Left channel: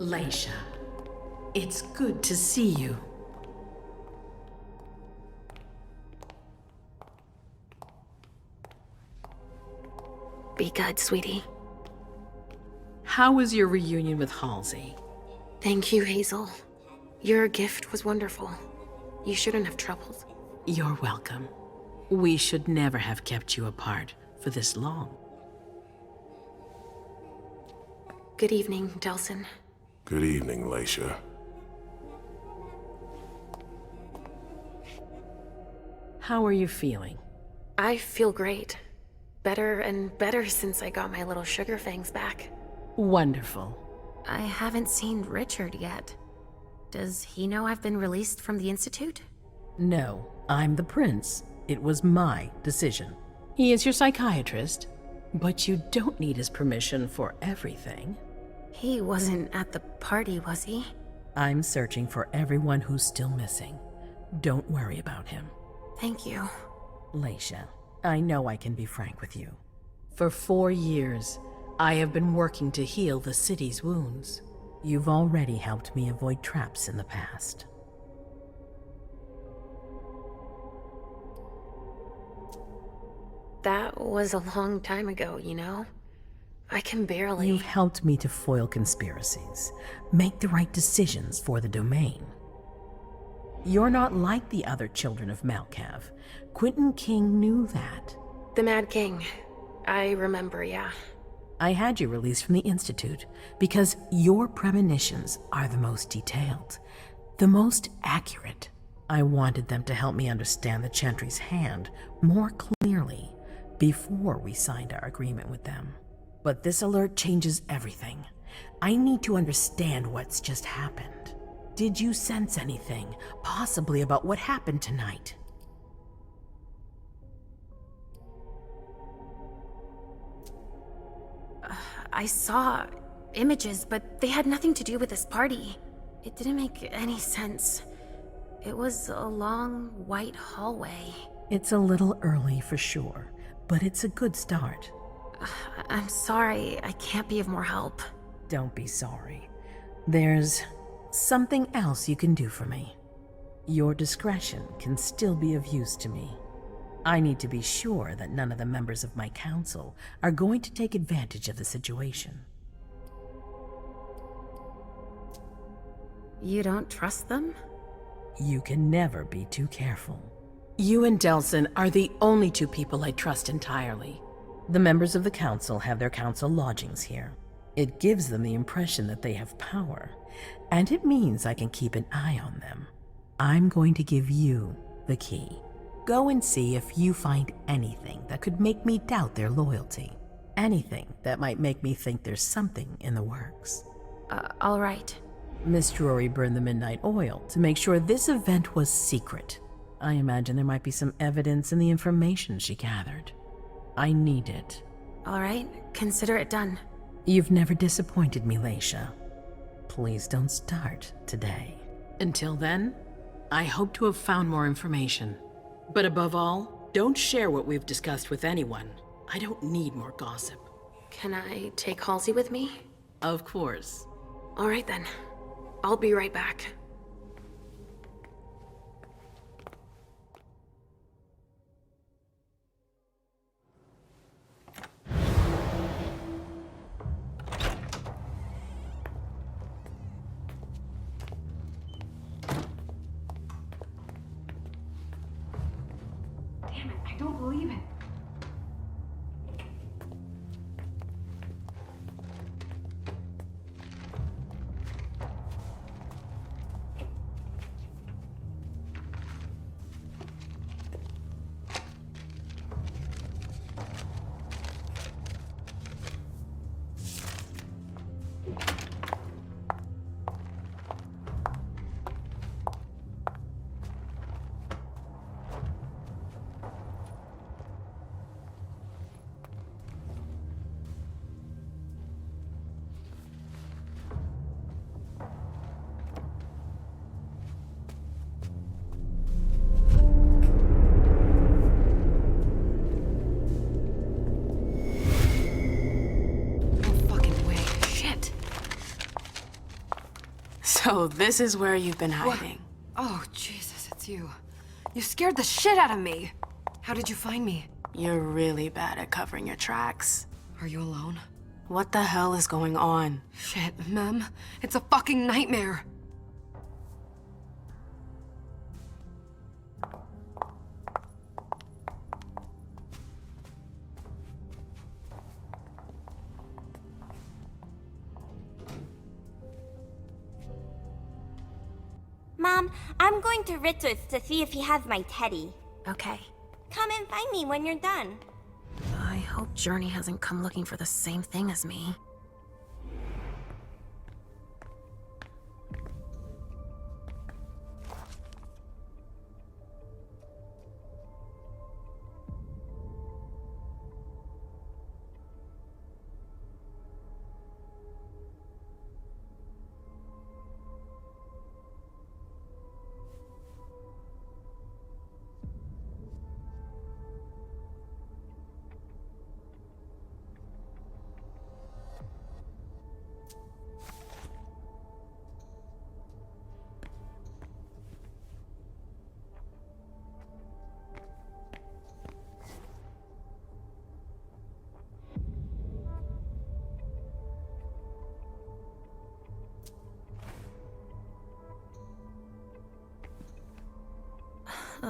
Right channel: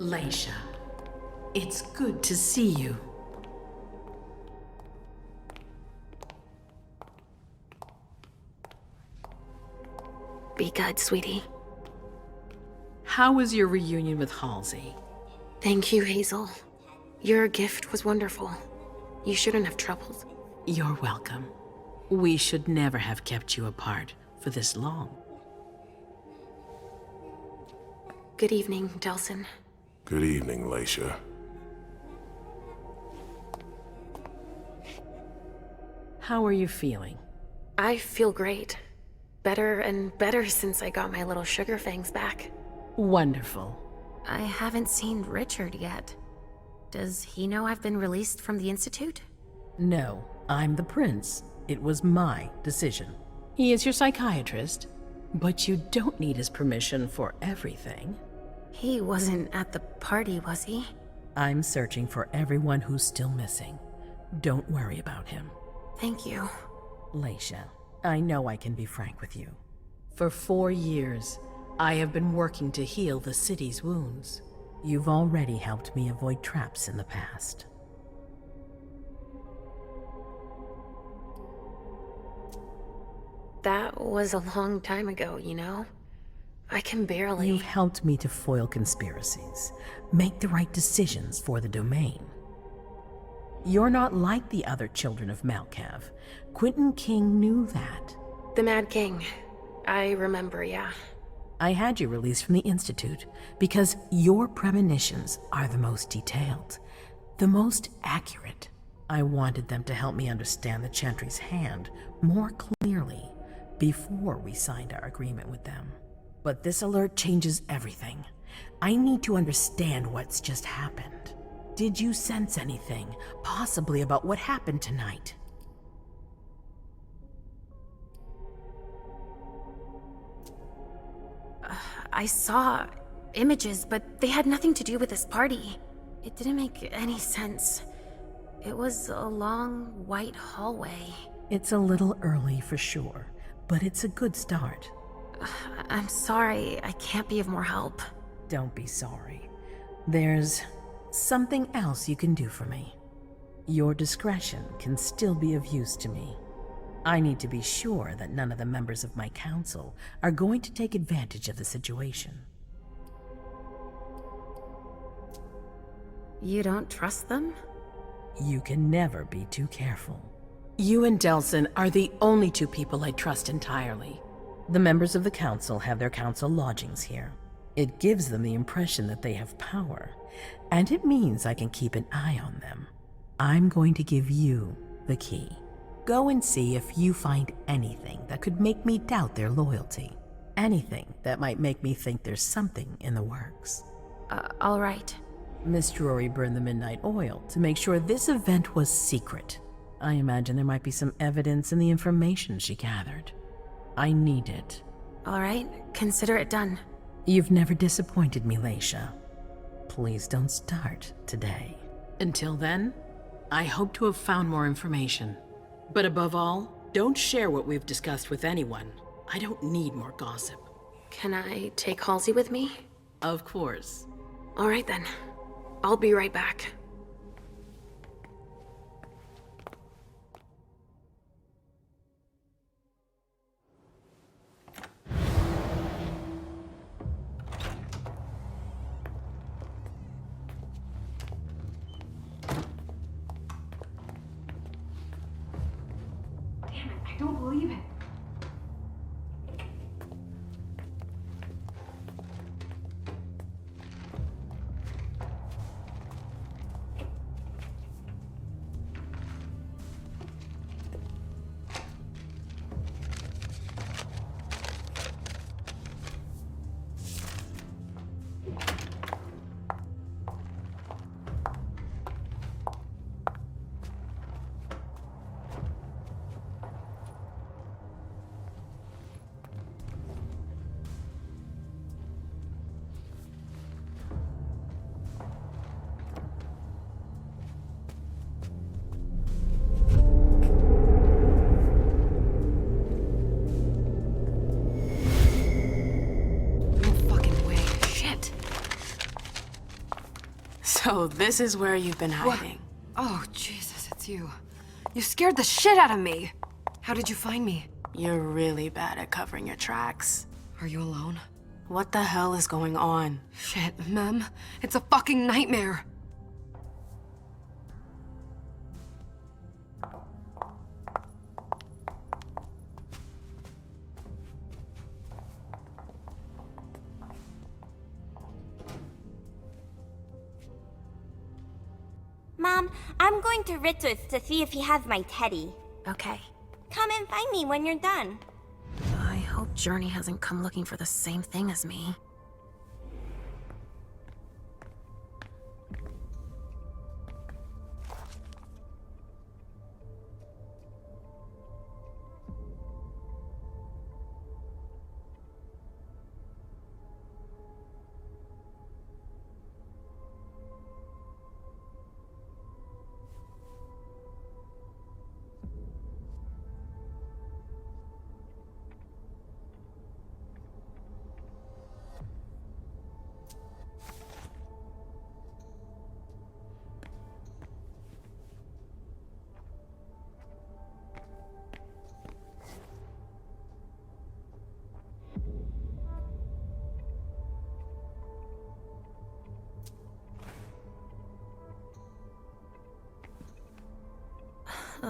Leisha, it's good to see you. Be good, sweetie. How was your reunion with Halsey? Thank you, Hazel. Your gift was wonderful. You shouldn't have troubled. You're welcome. We should never have kept you apart for this long. Good evening, Delsin. Good evening, Leisha. How are you feeling? I feel great. Better and better since I got my little sugar fangs back. Wonderful. I haven't seen Richard yet. Does he know I've been released from the Institute? No, I'm the prince. It was my decision. He is your psychiatrist, but you don't need his permission for everything. He wasn't at the party, was he? I'm searching for everyone who's still missing. Don't worry about him. Thank you. Leisha, I know I can be frank with you. For 4 years, I have been working to heal the city's wounds. You've already helped me avoid traps in the past. That was a long time ago, you know? I can barely... You've helped me to foil conspiracies, make the right decisions for the domain. You're not like the other children of Malkav. Quentin King knew that. The Mad King. I remember, yeah. I had you released from the Institute because your premonitions are the most detailed, the most accurate. I wanted them to help me understand the Chantry's hand more clearly before we signed our agreement with them. But this alert changes everything. I need to understand what's just happened. Did you sense anything, possibly about what happened tonight? I saw images, but they had nothing to do with this party. It didn't make any sense. It was a long, white hallway. It's a little early for sure, but it's a good start. I'm sorry, I can't be of more help. Don't be sorry. There's something else you can do for me. Your discretion can still be of use to me. I need to be sure that none of the members of my council are going to take advantage of the situation. You don't trust them? You can never be too careful. You and Delsin are the only two people I trust entirely. The members of the council have their council lodgings here. It gives them the impression that they have power, and it means I can keep an eye on them. I'm going to give you the key. Go and see if you find anything that could make me doubt their loyalty. Anything that might make me think there's something in the works. All right. Miss Drury burned the midnight oil to make sure this event was secret. I imagine there might be some evidence in the information she gathered. I need it. All right, consider it done. You've never disappointed me, Leisha. Please don't start today. Until then, I hope to have found more information. But above all, don't share what we've discussed with anyone. I don't need more gossip. Can I take Halsey with me? Of course. All right then. I'll be right back. Damn it, I don't believe it. So this is where you've been hiding. Oh, Jesus, it's you. You scared the shit out of me. How did you find me? You're really bad at covering your tracks. Are you alone? What the hell is going on? Shit, Mem. It's a fucking nightmare. Mom, I'm going to Richard's to see if he has my teddy. Okay. Come and find me when you're done. I hope Journey hasn't come looking for the same thing as me.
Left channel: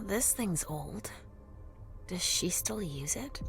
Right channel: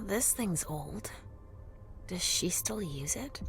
This thing's old. Does she still use it?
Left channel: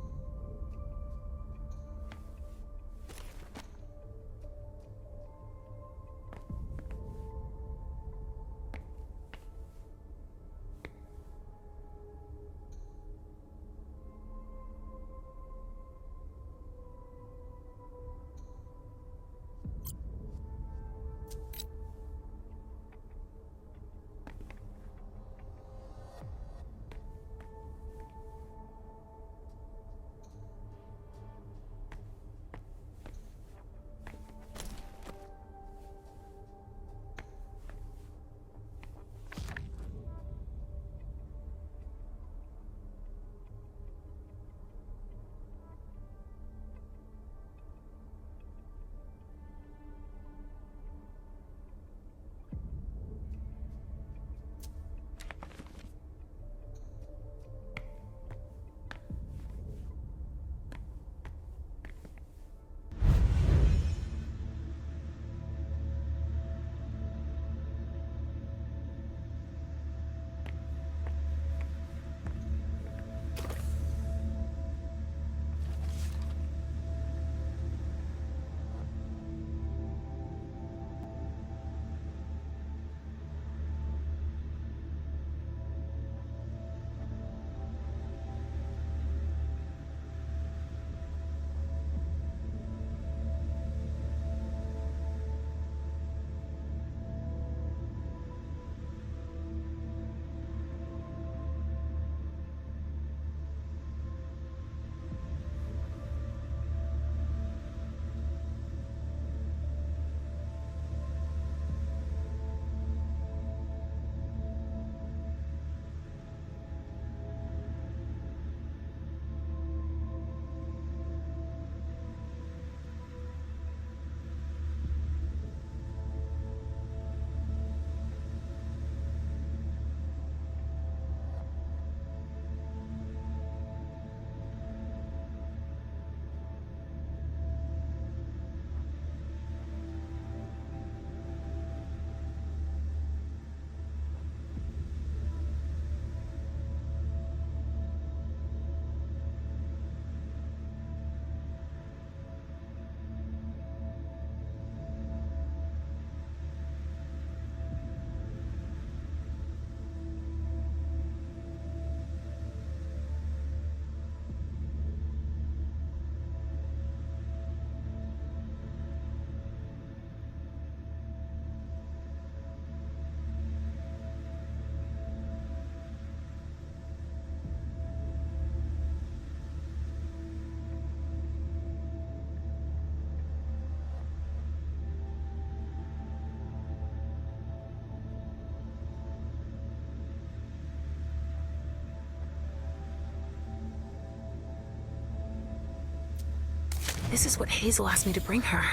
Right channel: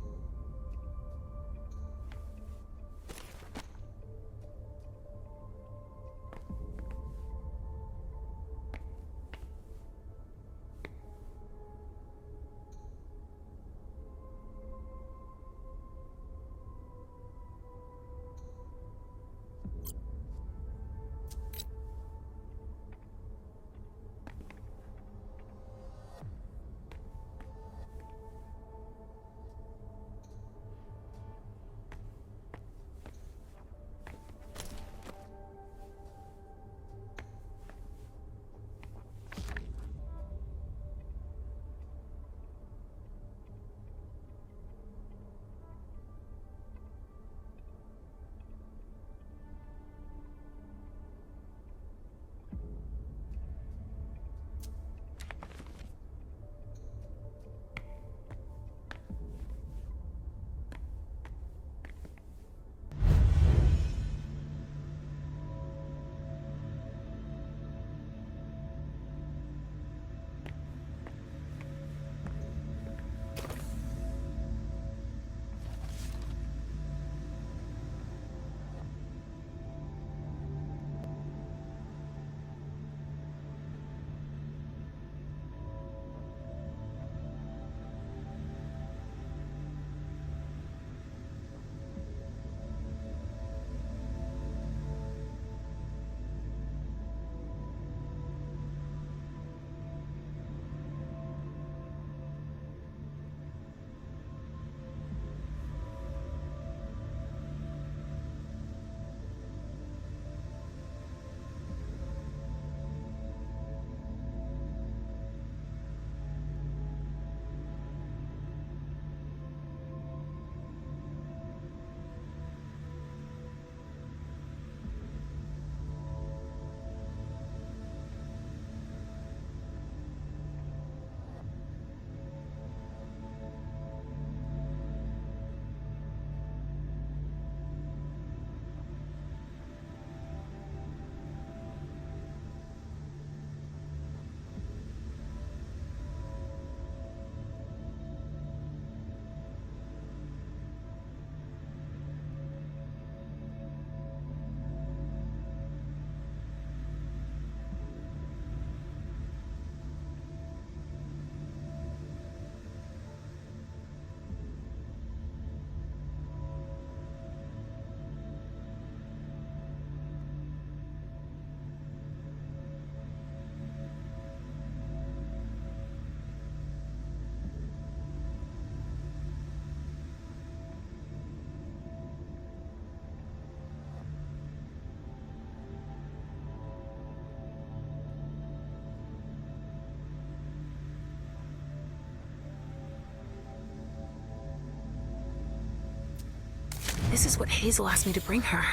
This is what Hazel asked me to bring her.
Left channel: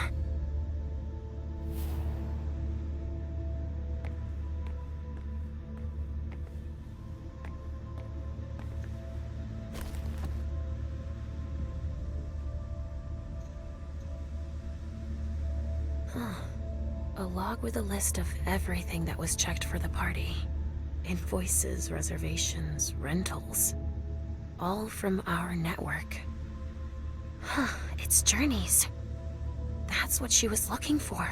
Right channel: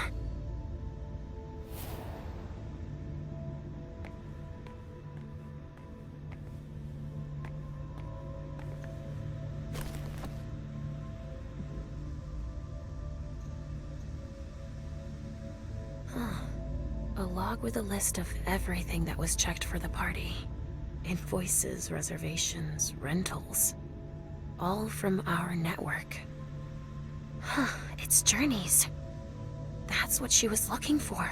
A log with a list of everything that was checked for the party. Invoices, reservations, rentals. All from our network. Huh, it's journeys. That's what she was looking for.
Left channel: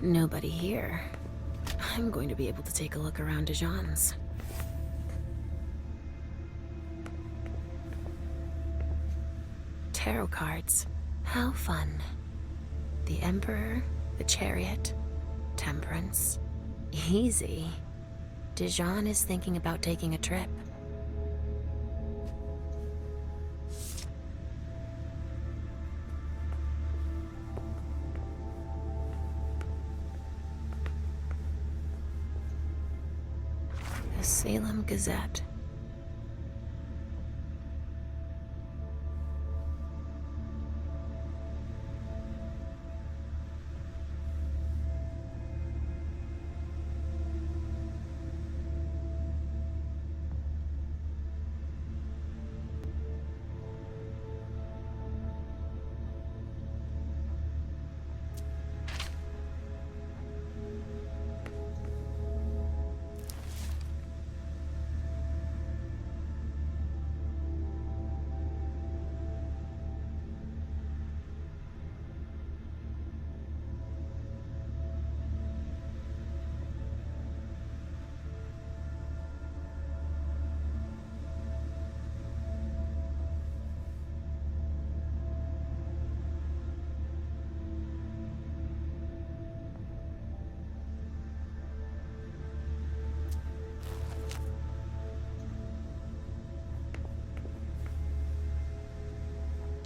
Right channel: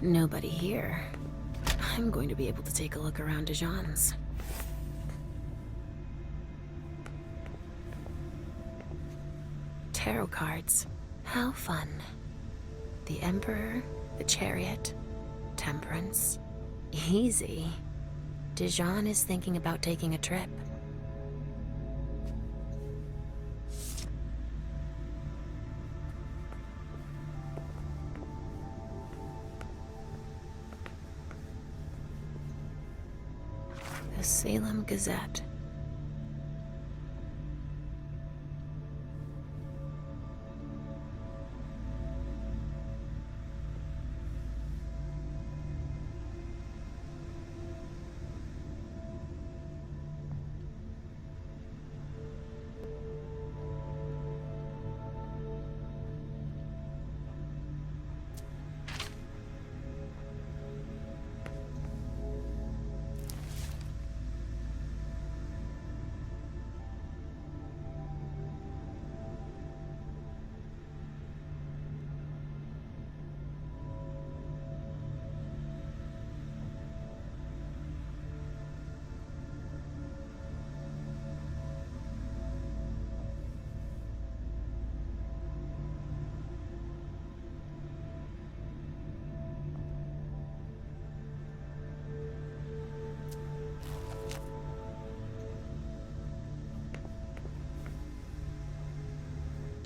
Nobody here. I'm going to be able to take a look around Dijon's. Tarot cards. How fun. The Emperor, the Chariot, Temperance. Easy. Dijon is thinking about taking a trip. The Salem Gazette.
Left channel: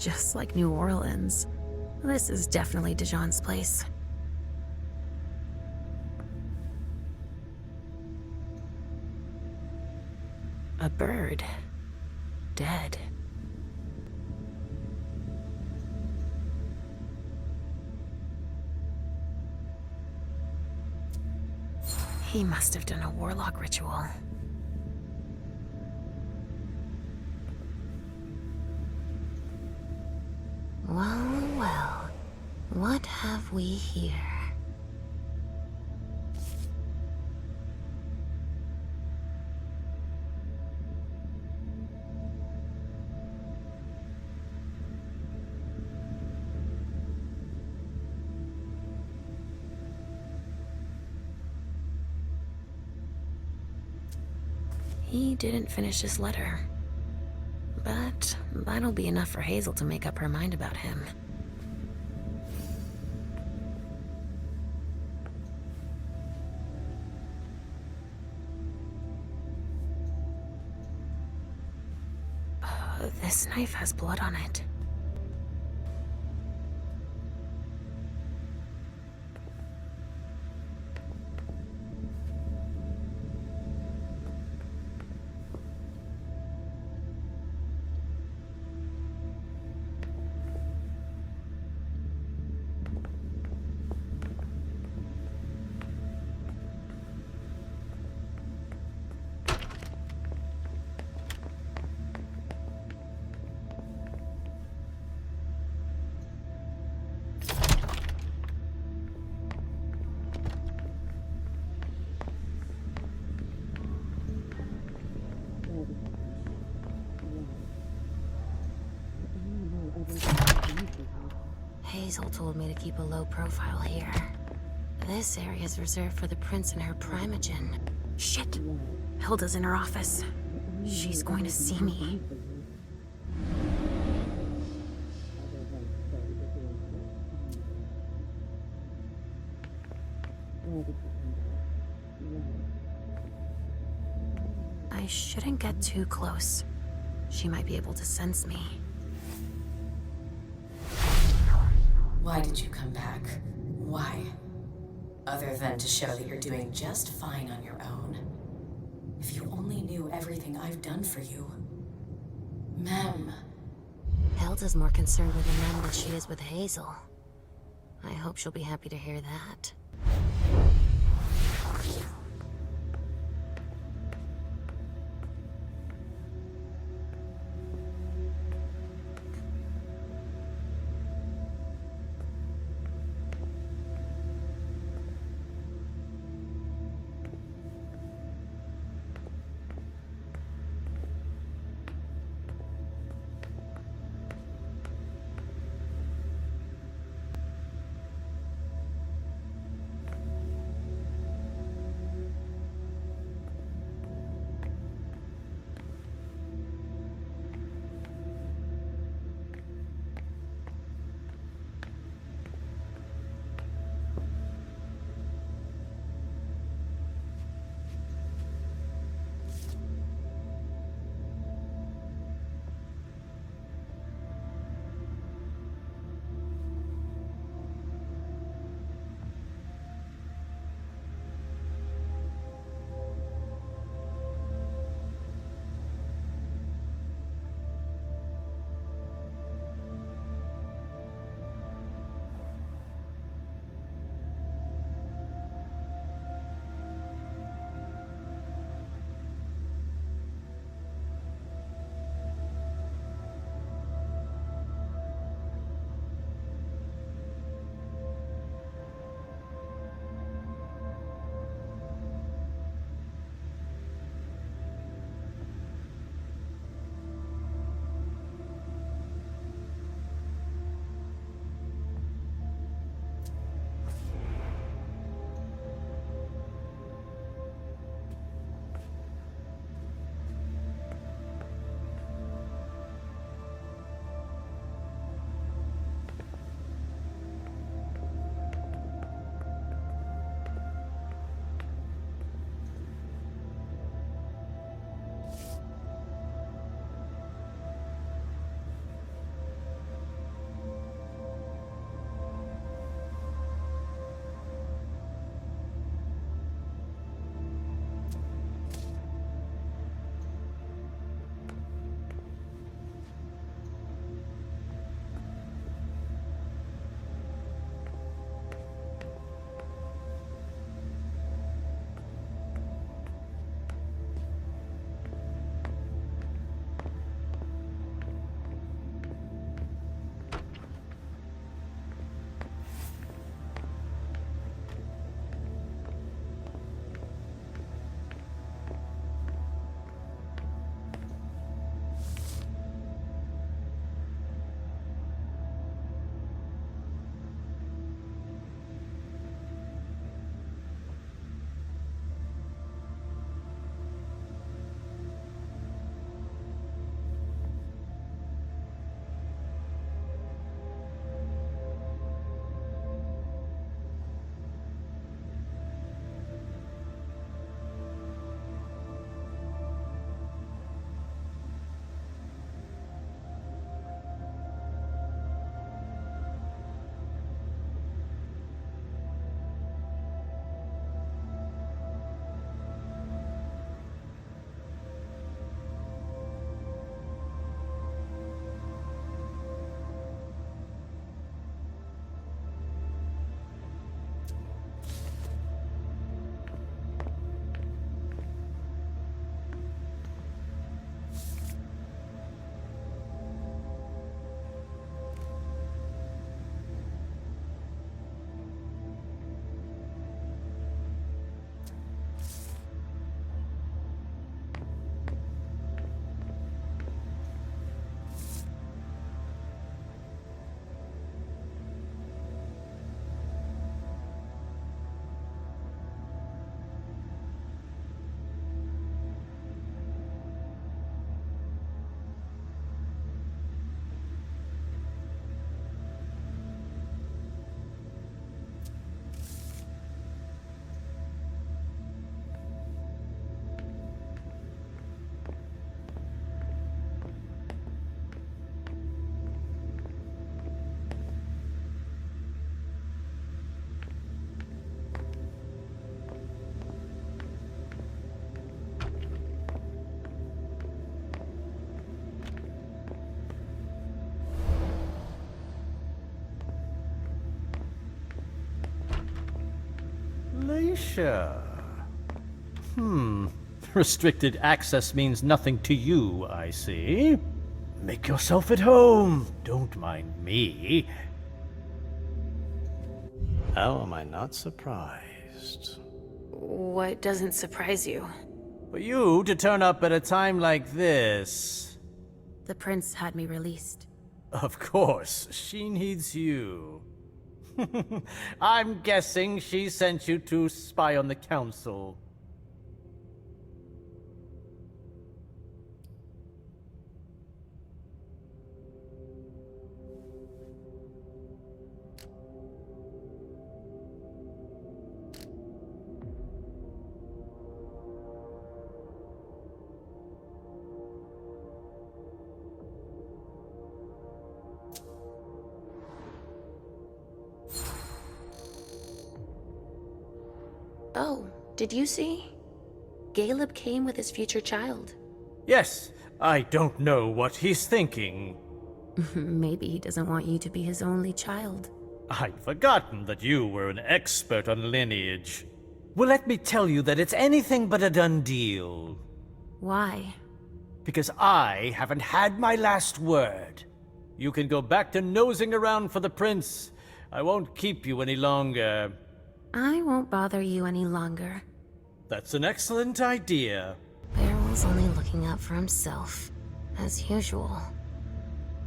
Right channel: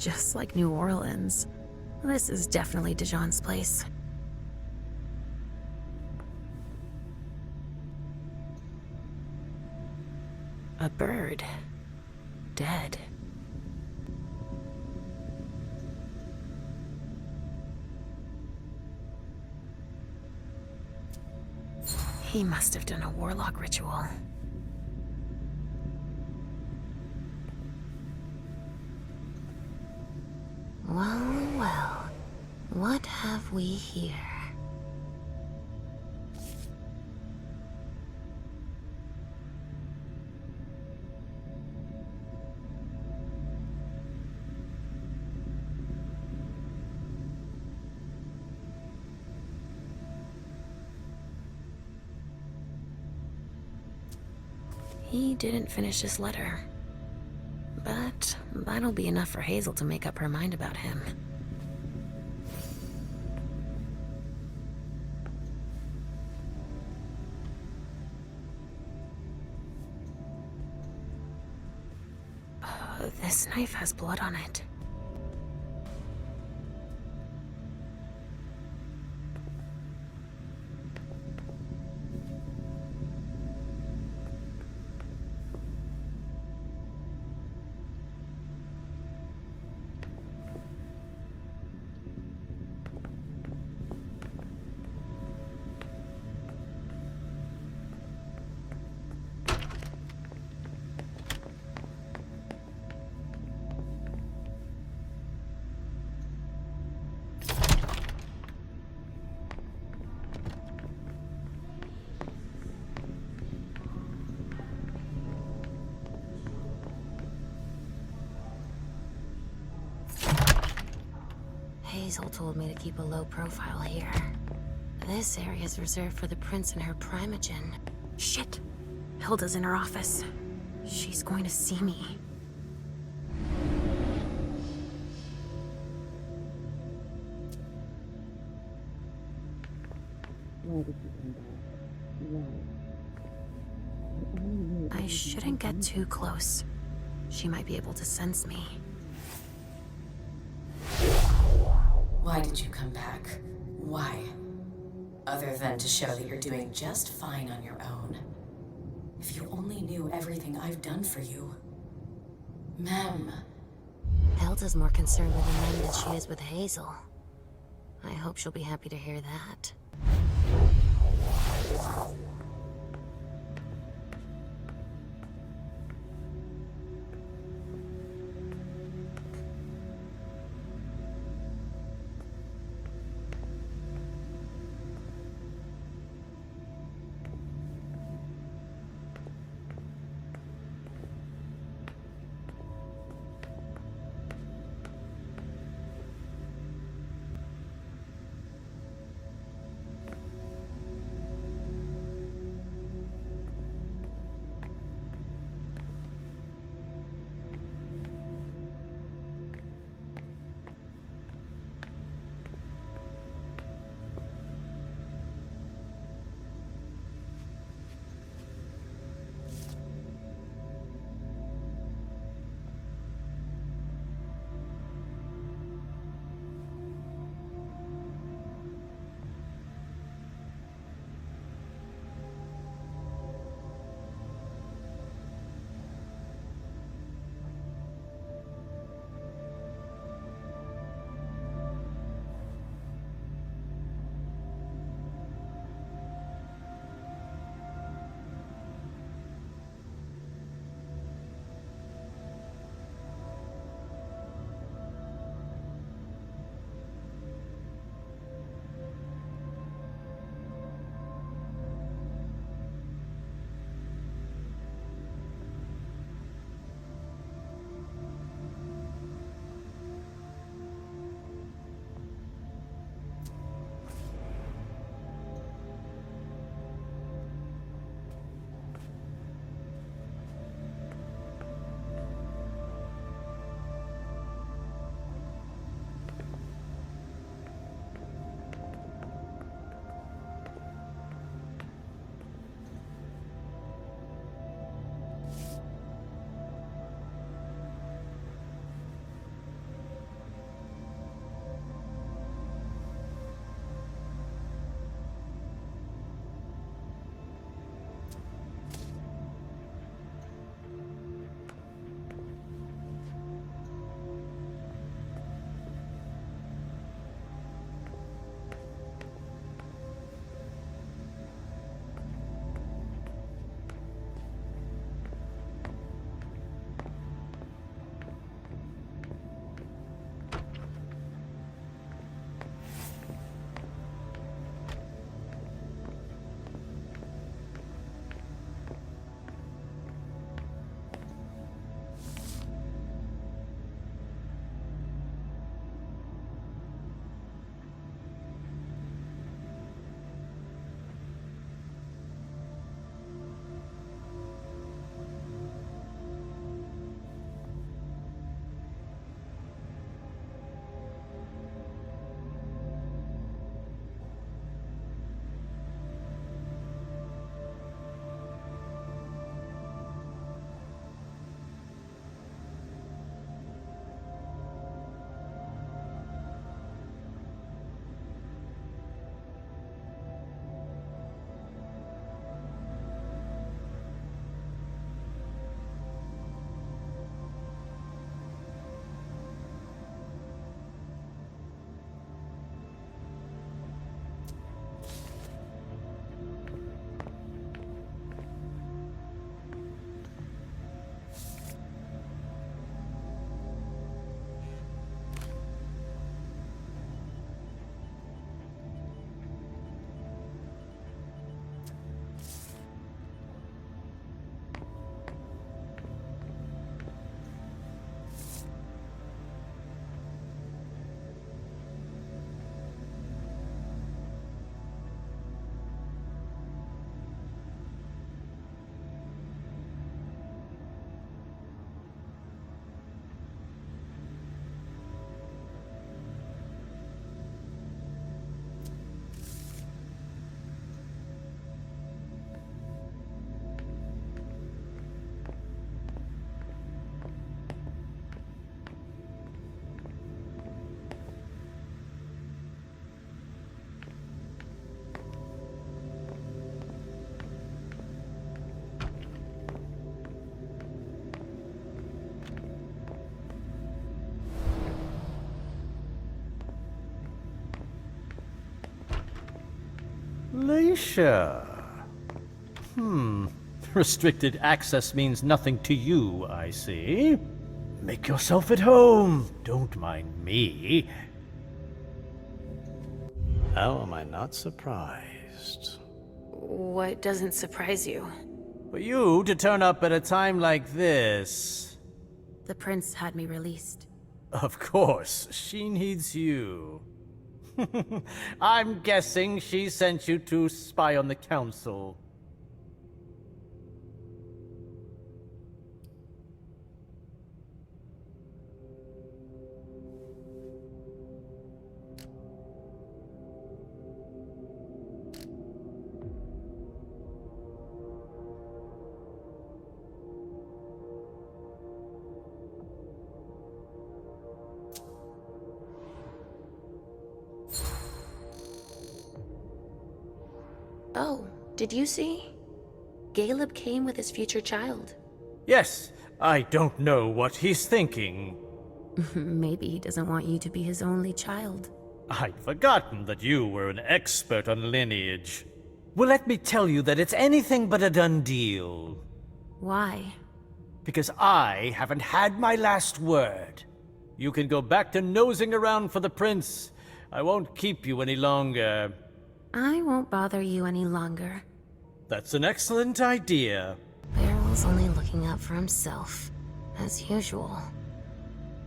Just like New Orleans. This is definitely Dijon's place. A bird. Dead. He must have done a warlock ritual. Well, well. What have we here? He didn't finish his letter. But that'll be enough for Hazel to make up her mind about him. This knife has blood on it. Hazel told me to keep a low profile here. This area is reserved for the prince and her primogen. Shit! Hilda's in her office. She's going to see me. I shouldn't get too close. She might be able to sense me. Why did you come back? Why? Other than to show that you're doing just fine on your own. If you only knew everything I've done for you. Ma'am. Hilda's more concerned with the men than she is with Hazel. I hope she'll be happy to hear that. Leisha. Restricted access means nothing to you, I see. Make yourself at home. Don't mind me. How am I not surprised? What doesn't surprise you? For you to turn up at a time like this. The prince had me released. Of course, she needs you. I'm guessing she sent you to spy on the council. Oh, did you see? Caleb came with his future child. Yes, I don't know what he's thinking. Maybe he doesn't want you to be his only child. I'd forgotten that you were an expert on lineage. Well, let me tell you that it's anything but a done deal. Why? Because I haven't had my last word. You can go back to nosing around for the prince. I won't keep you any longer. I won't bother you any longer. That's an excellent idea. Barrel's only looking out for himself, as usual.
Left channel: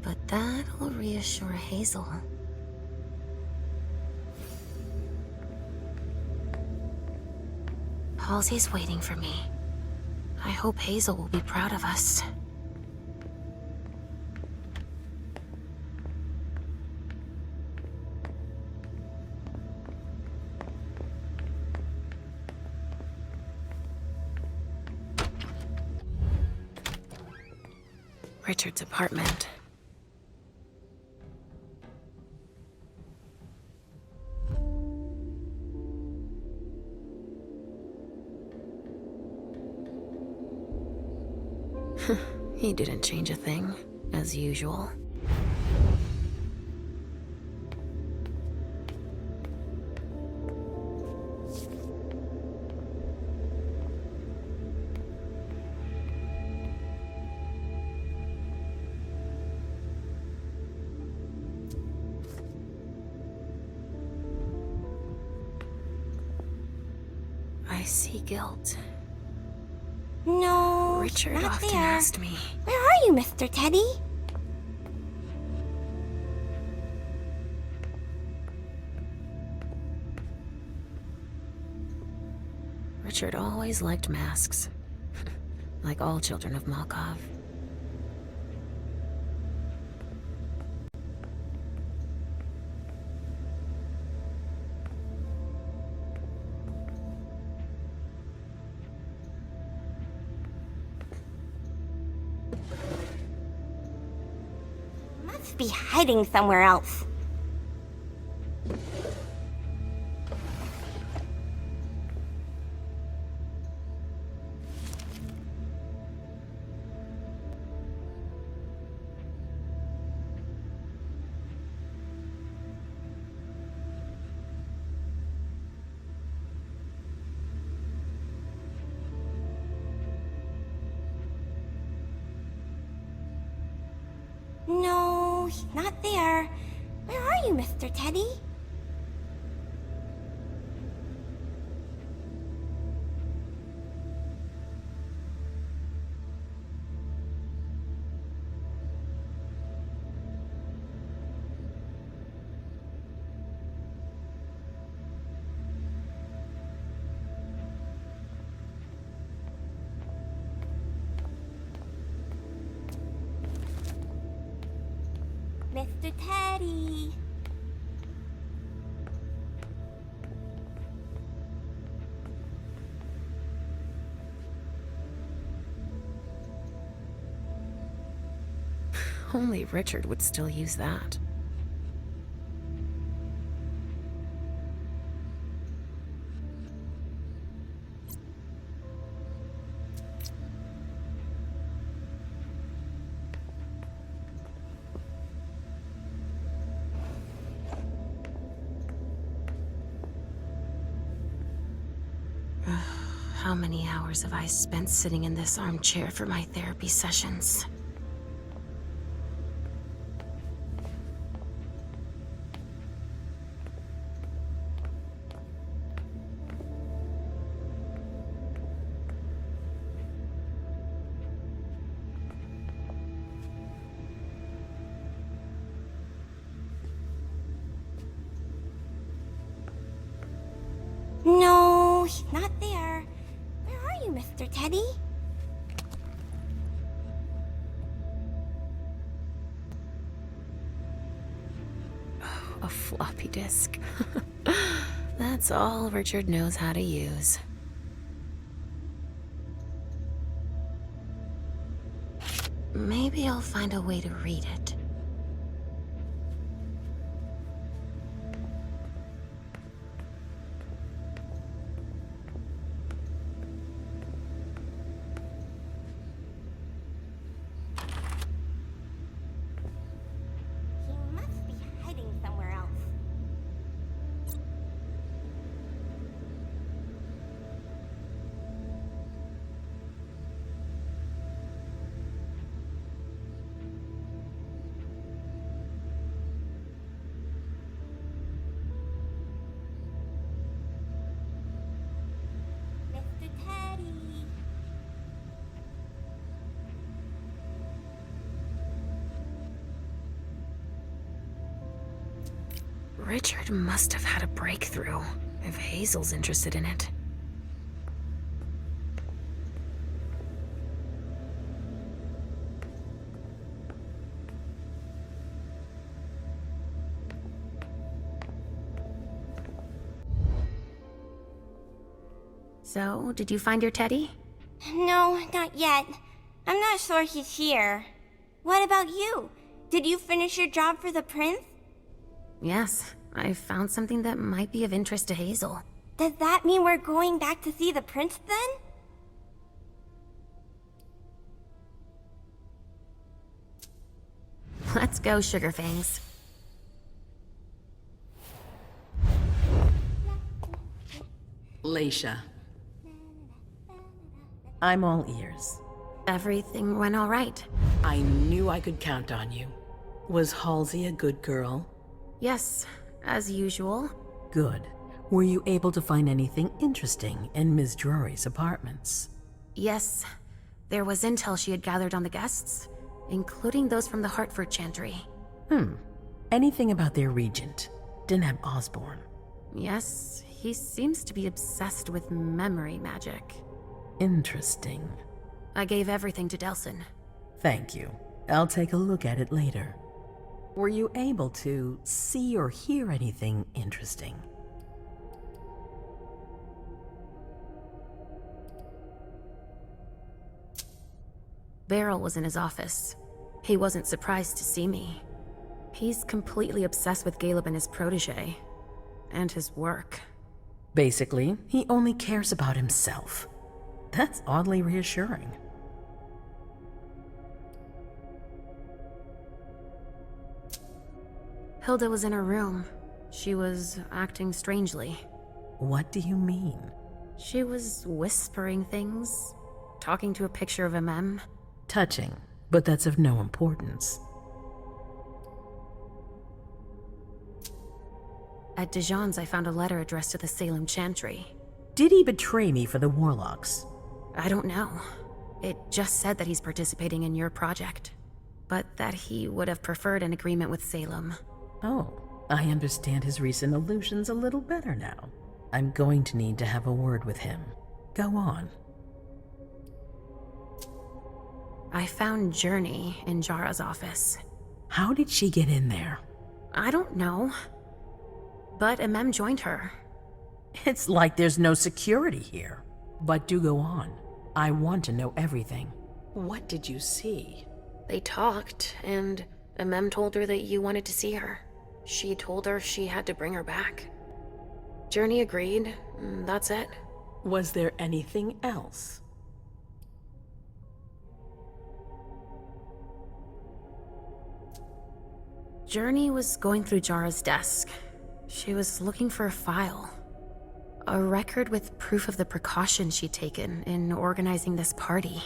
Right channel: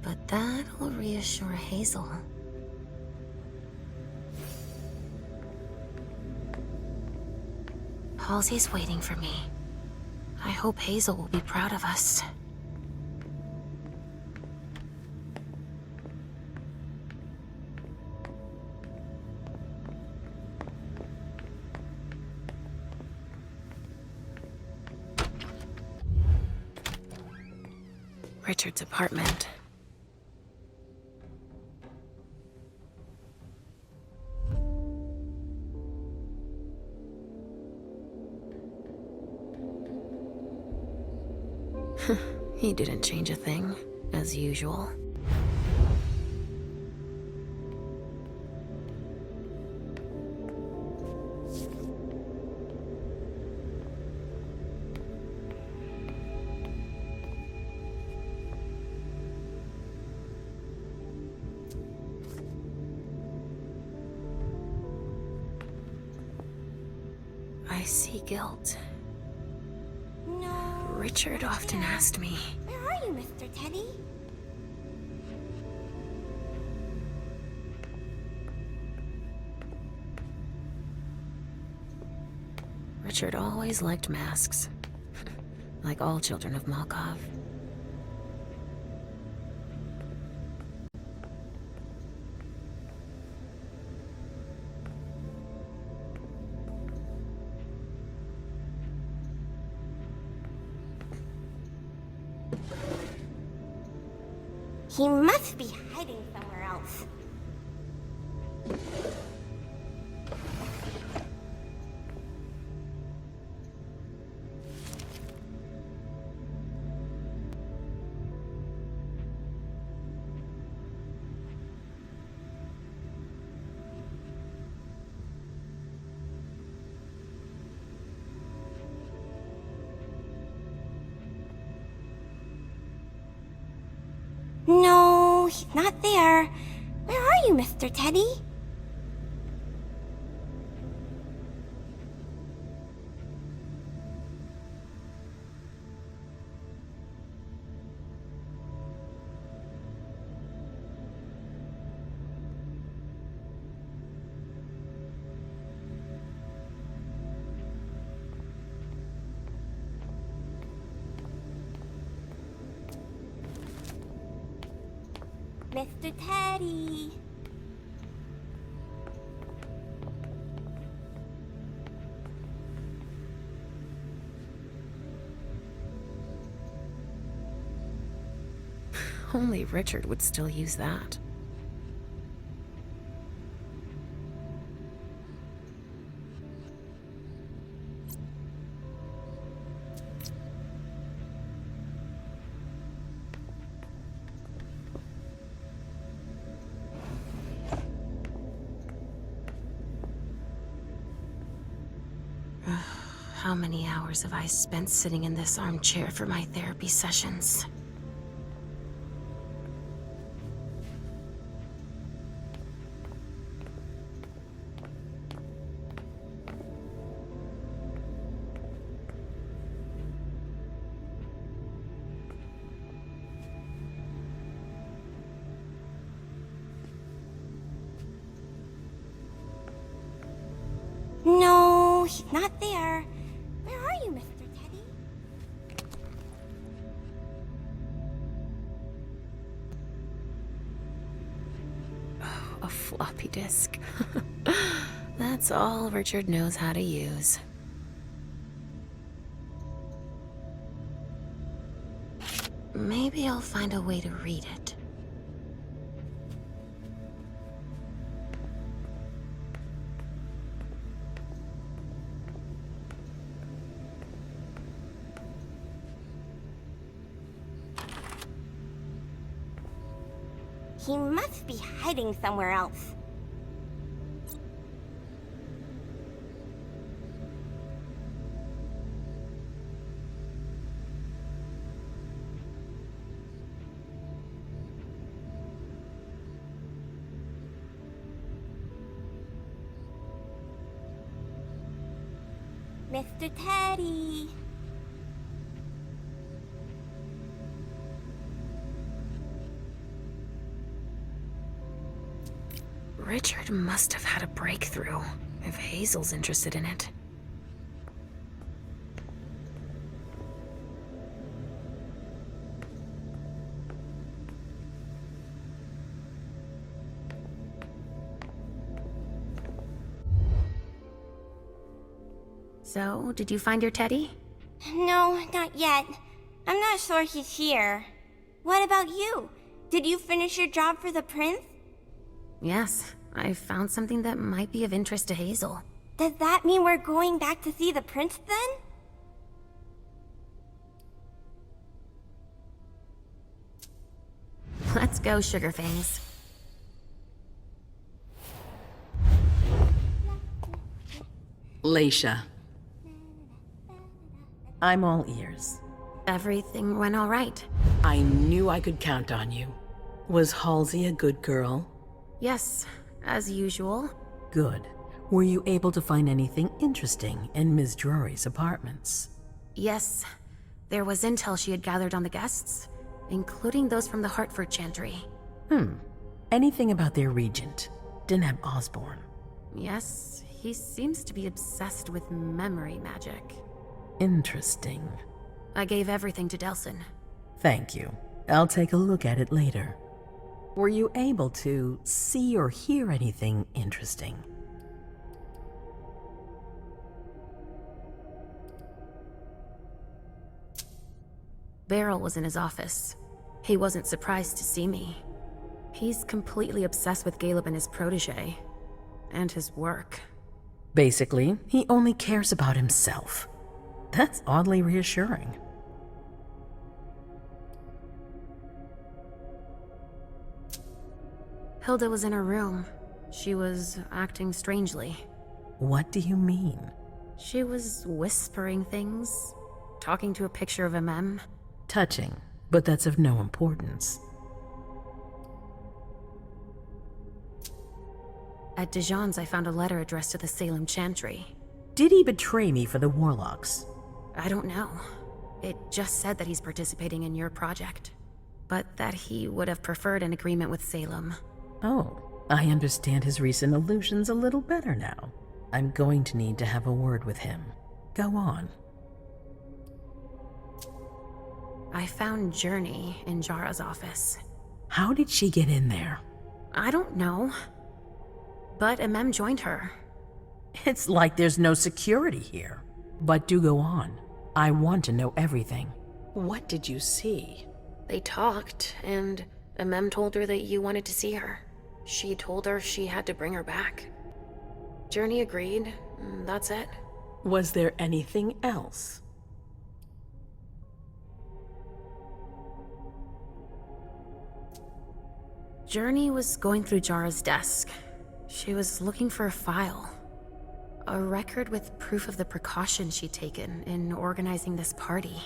But that'll reassure Hazel. Halsey's waiting for me. I hope Hazel will be proud of us. Richard's apartment. He didn't change a thing, as usual. I see guilt. No, Richard not often there. asked me. Where are you, Mr. Teddy? Richard always liked masks. Like all children of Malkov. He must be hiding somewhere else. No, he's not there. Where are you, Mr. Teddy? Mr. Teddy. Only Richard would still use that. How many hours have I spent sitting in this armchair for my therapy sessions? No, he's not there. Where are you, Mr. Teddy? Oh, a floppy disk. That's all Richard knows how to use. Maybe I'll find a way to read it. He must be hiding somewhere else. Mr. Teddy. Richard must have had a breakthrough, if Hazel's interested in it. So, did you find your teddy? No, not yet. I'm not sure he's here. What about you? Did you finish your job for the prince? Yes, I found something that might be of interest to Hazel. Does that mean we're going back to see the prince then? Let's go, Sugarfangs. Leisha. I'm all ears. Everything went all right. I knew I could count on you. Was Halsey a good girl? Yes, as usual. Good. Were you able to find anything interesting in Ms. Drury's apartments? Yes, there was intel she had gathered on the guests, including those from the Hartford Chantry. Anything about their regent, Deneb Osborne? Yes, he seems to be obsessed with memory magic. Interesting. I gave everything to Delson. Thank you. I'll take a look at it later. Were you able to see or hear anything interesting? Beryl was in his office. He wasn't surprised to see me. He's completely obsessed with Caleb and his protege. And his work. Basically, he only cares about himself. That's oddly reassuring. Hilda was in her room. She was acting strangely. What do you mean? She was whispering things, talking to a picture of MM. Touching, but that's of no importance. At Dijon's, I found a letter addressed to the Salem Chantry. Did he betray me for the Warlocks? I don't know. It just said that he's participating in your project, but that he would have preferred an agreement with Salem. Oh, I understand his recent allusions a little better now. I'm going to need to have a word with him. Go on. I found Journey in Jara's office. How did she get in there? I don't know. But MM joined her. It's like there's no security here. But do go on. I want to know everything. What did you see? They talked, and MM told her that you wanted to see her. She told her she had to bring her back. Journey agreed. That's it. Was there anything else? Journey was going through Jara's desk. She was looking for a file. A record with proof of the precautions she'd taken in organizing this party.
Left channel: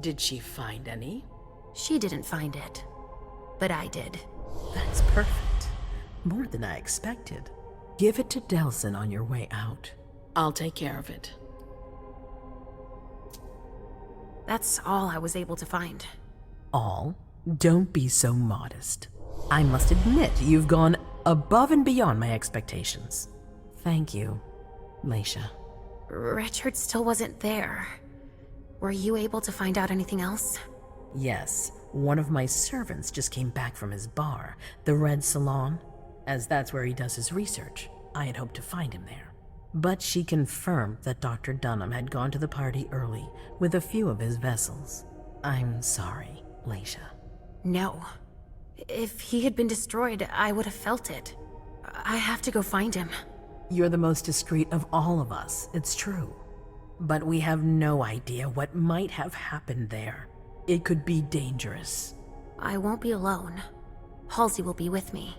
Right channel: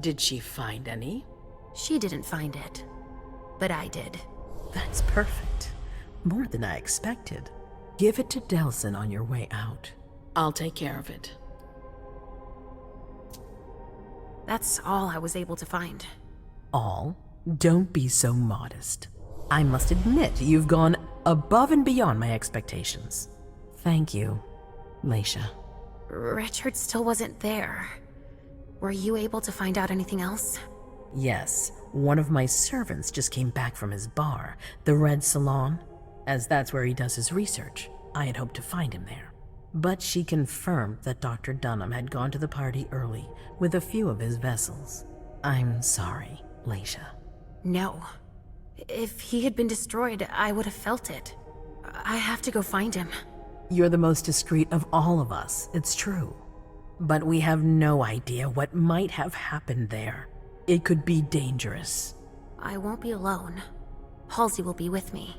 Did she find any? She didn't find it, but I did. That's perfect. More than I expected. Give it to Delson on your way out. I'll take care of it. That's all I was able to find. All? Don't be so modest. I must admit, you've gone above and beyond my expectations. Thank you, Leisha. Richard still wasn't there. Were you able to find out anything else? Yes, one of my servants just came back from his bar, the Red Salon. As that's where he does his research, I had hoped to find him there. But she confirmed that Dr. Dunham had gone to the party early with a few of his vessels. I'm sorry, Leisha. No. If he had been destroyed, I would have felt it. I have to go find him. You're the most discreet of all of us, it's true. But we have no idea what might have happened there. It could be dangerous. I won't be alone. Halsey will be with me.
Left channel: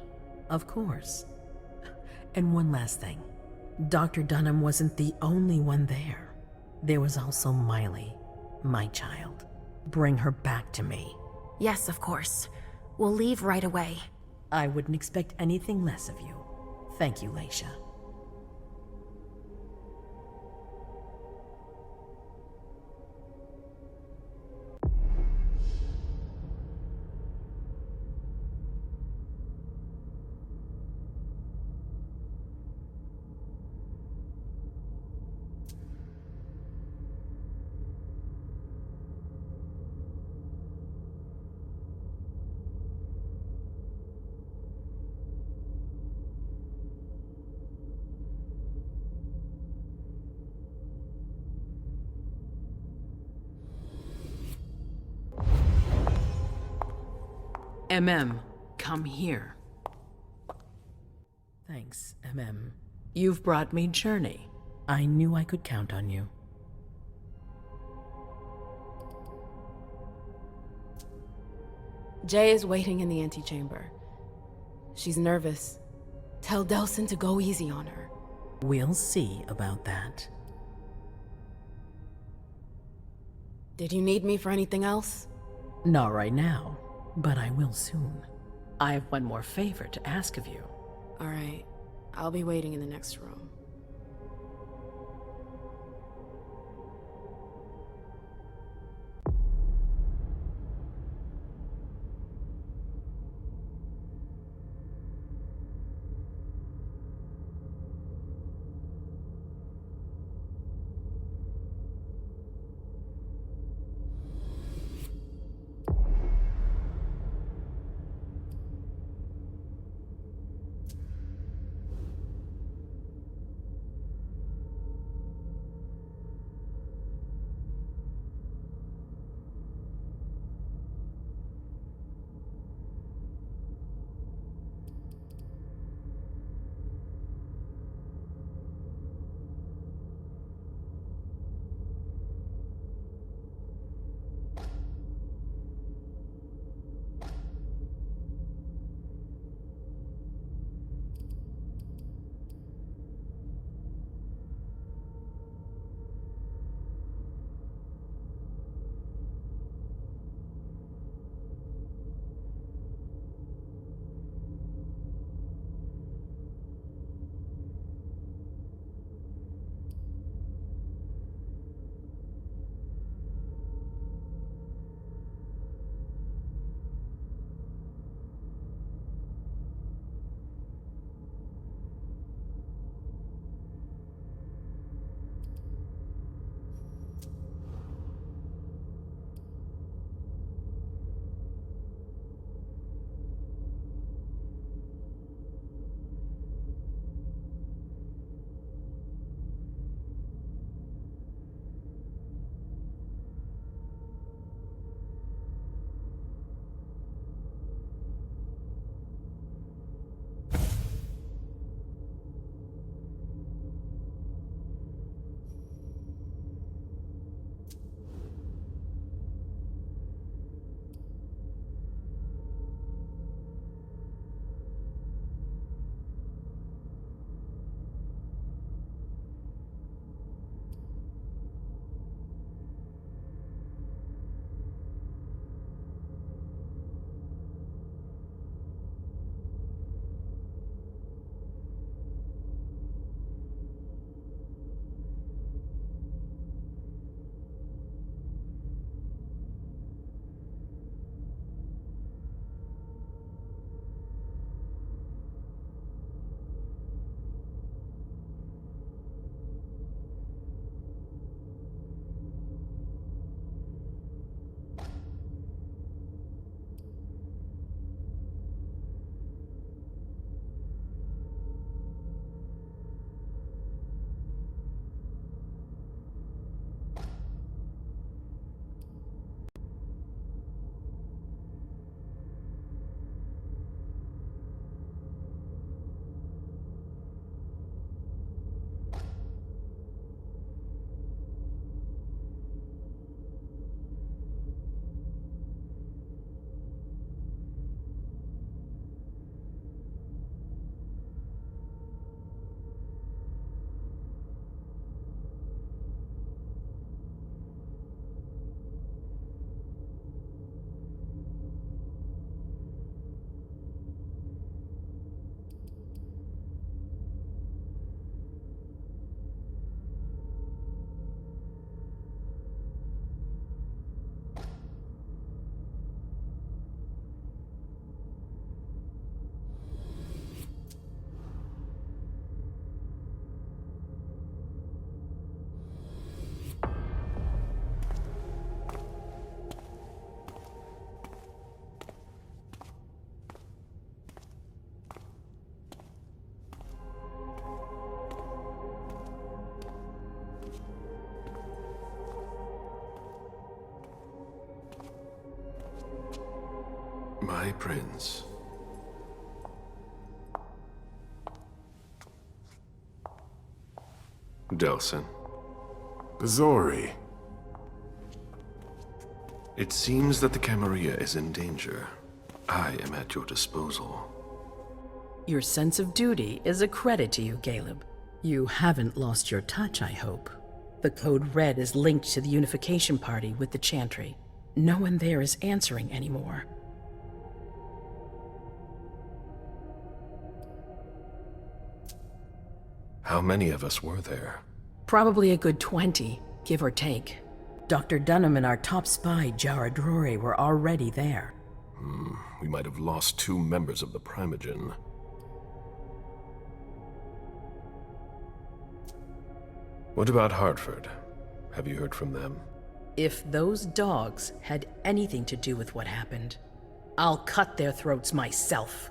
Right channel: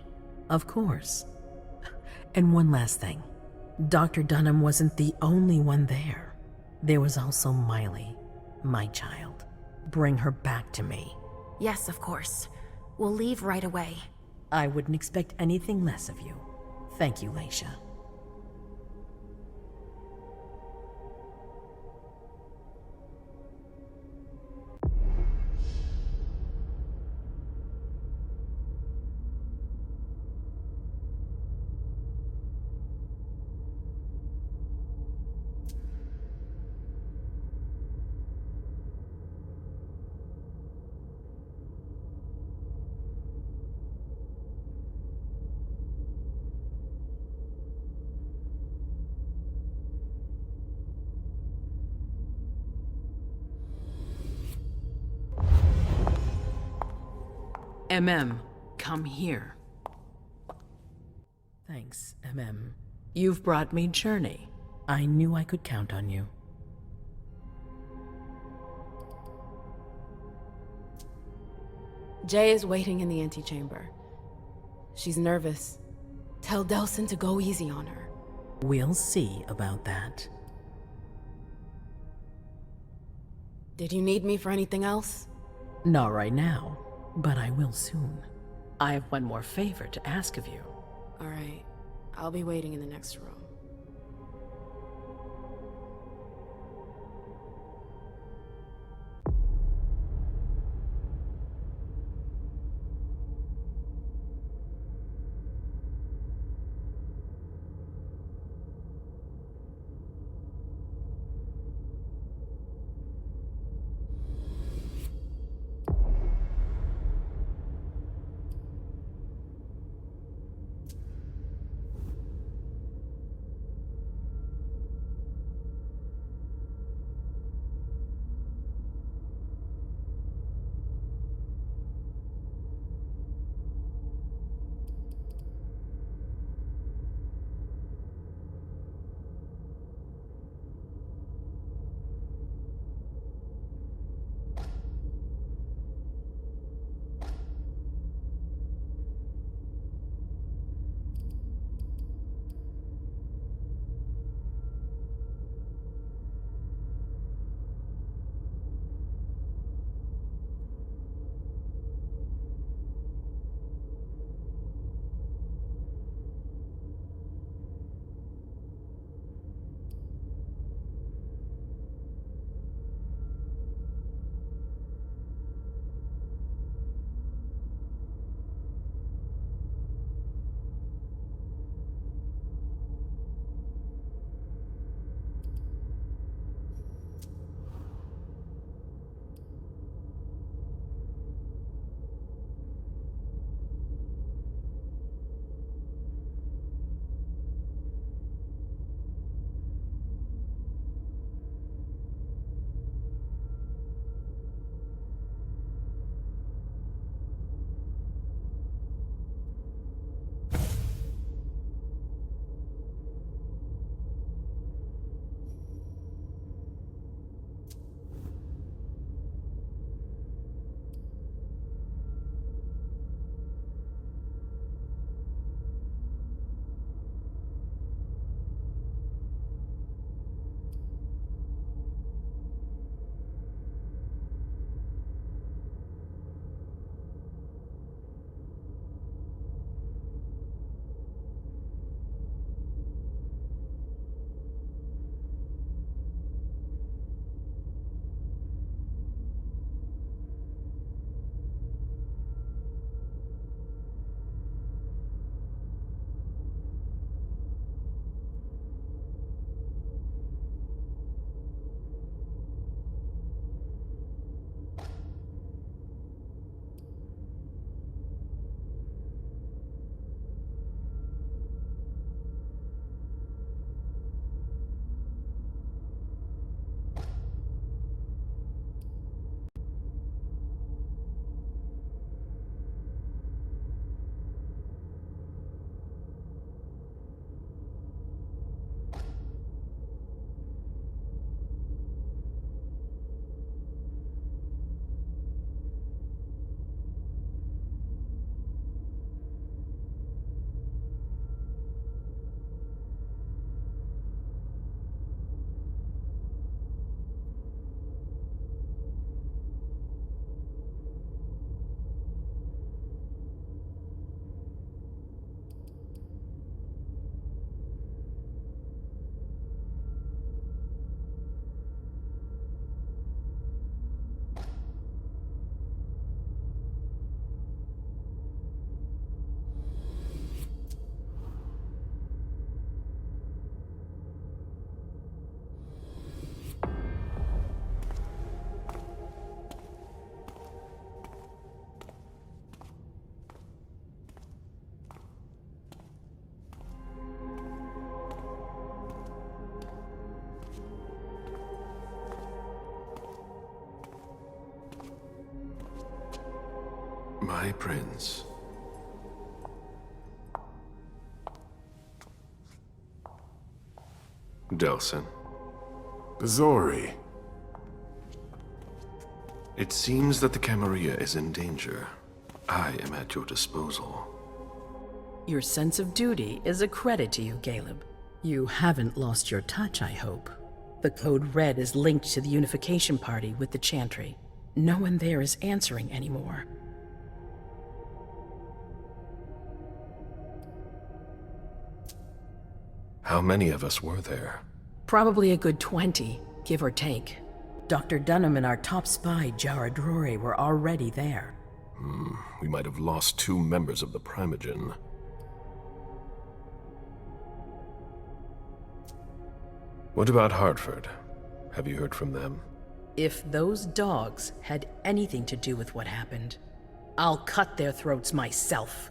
Of course. And one last thing. Dr. Dunham wasn't the only one there. There was also Miley, my child. Bring her back to me. Yes, of course. We'll leave right away. I wouldn't expect anything less of you. Thank you, Leisha. Come here. Thanks, You've brought me Journey. I knew I could count on you. Jay is waiting in the antechamber. She's nervous. Tell Delson to go easy on her. We'll see about that. Did you need me for anything else? Not right now, but I will soon. I have one more favor to ask of you. All right. I'll be waiting in the next room. My prince. Delsin. Zori. It seems that the Camarilla is in danger. I am at your disposal. Your sense of duty is a credit to you, Caleb. You haven't lost your touch, I hope. The code red is linked to the unification party with the Chantry. No one there is answering anymore. How many of us were there? Probably a good 20, give or take. Dr. Dunham and our top spy, Jara Drory, were already there. We might have lost 2 members of the Primogen. What about Hartford? Have you heard from them? If those dogs had anything to do with what happened, I'll cut their throats myself.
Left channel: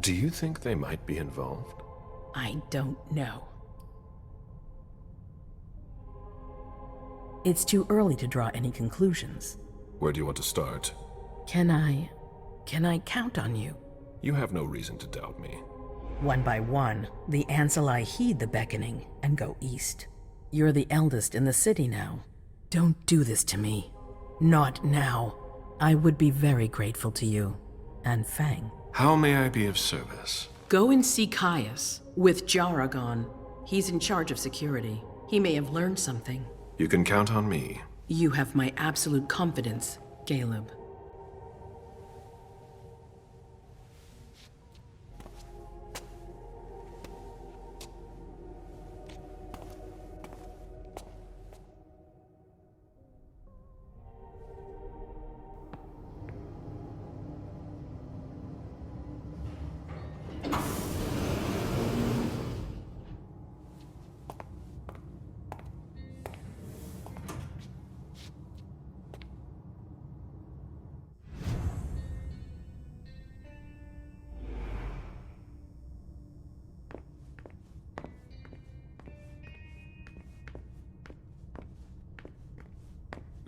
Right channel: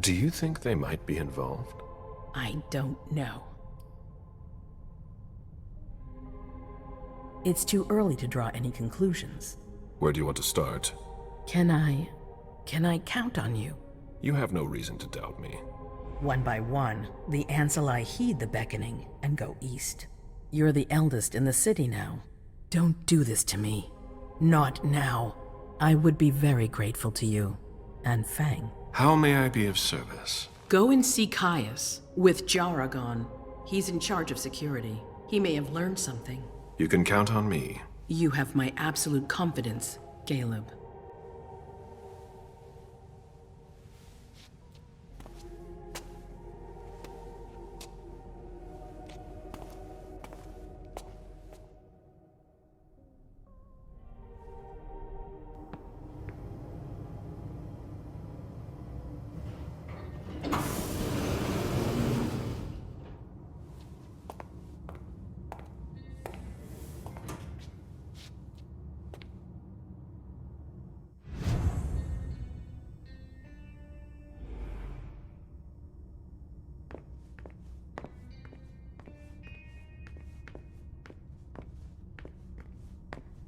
Do you think they might be involved? I don't know. It's too early to draw any conclusions. Where do you want to start? Can I count on you? You have no reason to doubt me. One by one, the Ancili heed the beckoning and go east. You're the eldest in the city now. Don't do this to me. Not now. I would be very grateful to you. And Fang. How may I be of service? Go and see Caius, with Jaragon. He's in charge of security. He may have learned something. You can count on me. You have my absolute confidence, Caleb.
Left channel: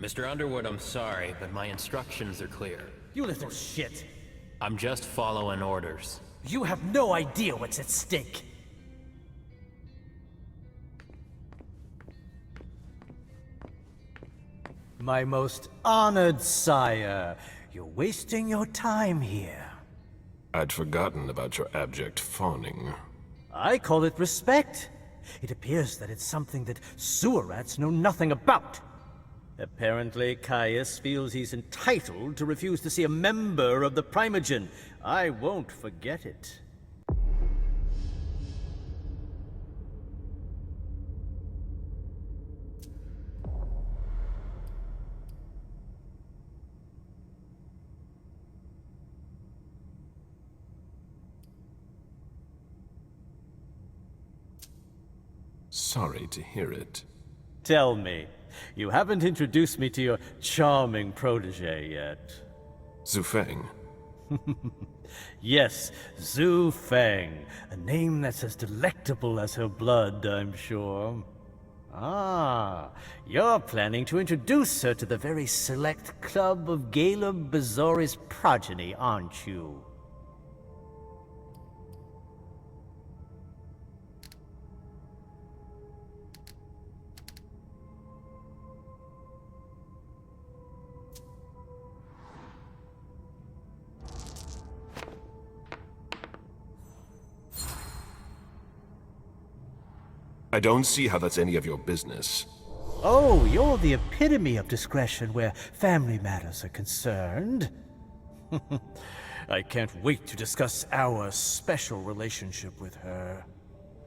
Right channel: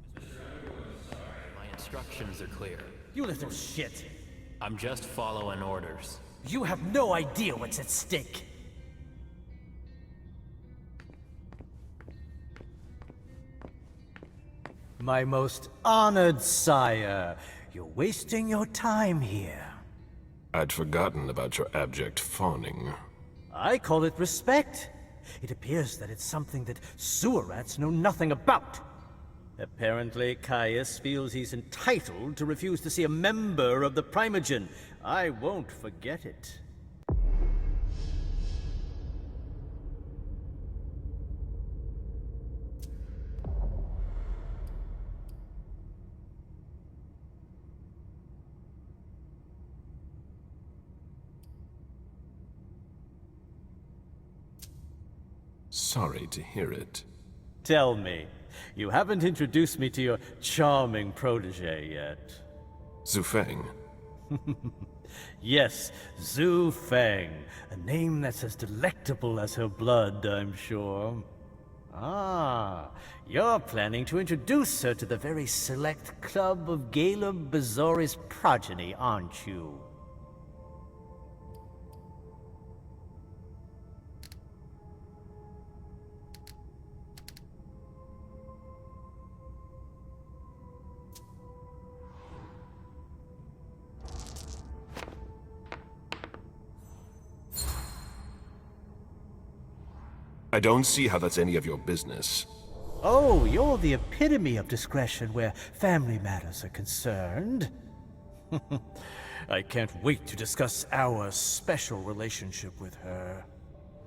Mr. Underwood, I'm sorry, but my instructions are clear. You little shit. I'm just following orders. You have no idea what's at stake. My most honored sire, you're wasting your time here. I'd forgotten about your abject fawning. I call it respect. It appears that it's something that sewer rats know nothing about. Apparently, Caius feels he's entitled to refuse to see a member of the Primogen. I won't forget it. Sorry to hear it. Tell me, you haven't introduced me to your charming protege yet. Zhu Feng. Yes, Zhu Feng. A name that's as delectable as her blood, I'm sure. Ah, you're planning to introduce her to the very select club of Caleb Bazori's progeny, aren't you? I don't see how that's any of your business. Oh, you're the epitome of discretion where family matters are concerned. I can't wait to discuss our special relationship with her.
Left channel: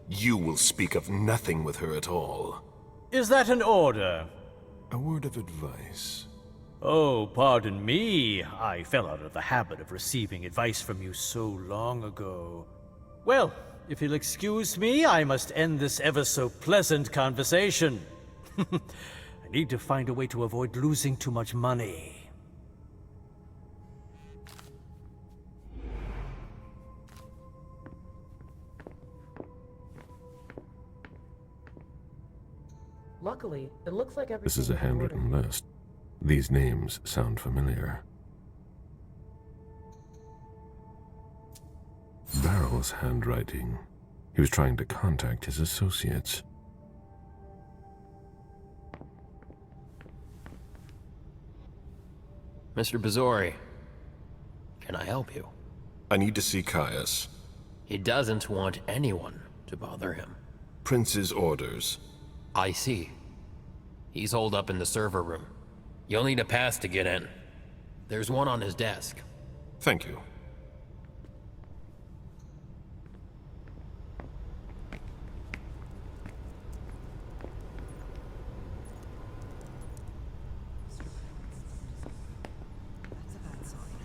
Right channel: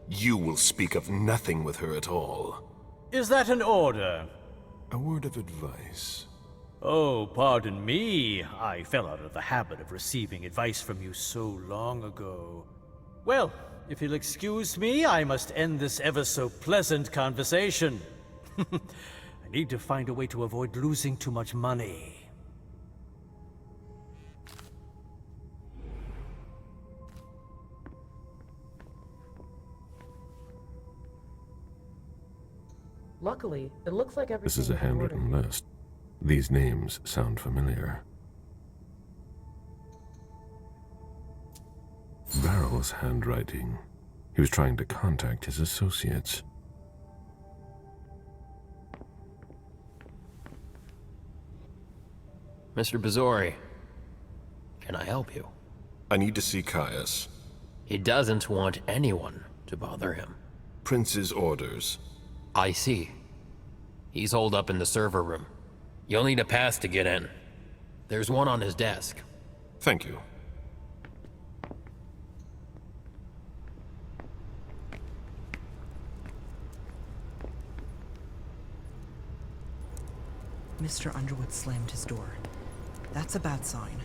You will speak of nothing with her at all. Is that an order? A word of advice. Oh, pardon me. I fell out of the habit of receiving advice from you so long ago. Well, if you'll excuse me, I must end this ever-so-pleasant conversation. I need to find a way to avoid losing too much money. Luckily, it looks like everything. This is a handwritten list. These names sound familiar. Barrel's handwriting. He was trying to contact his associates. Mr. Bazori, can I help you? I need to see Caius. He doesn't want anyone to bother him. Prince's orders. I see. He's holed up in the server room. You'll need a pass to get in. There's one on his desk. Thank you. Mr. Underwood slammed his door. That's a bad sign.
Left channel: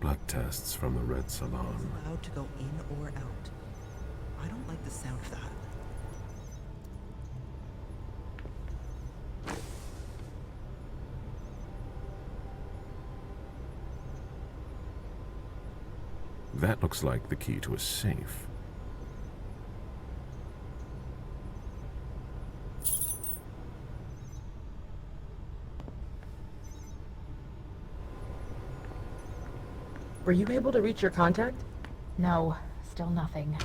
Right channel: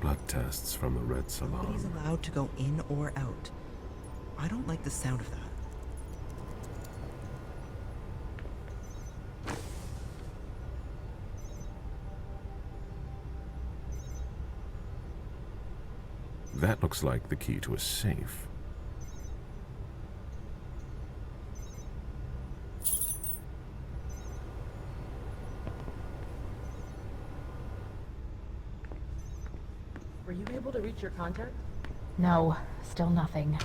Blood tests from the Red Salon. He's allowed to go in or out. I don't like the sound of that. That looks like the key to a safe. Were you able to reach your contact? No, still nothing.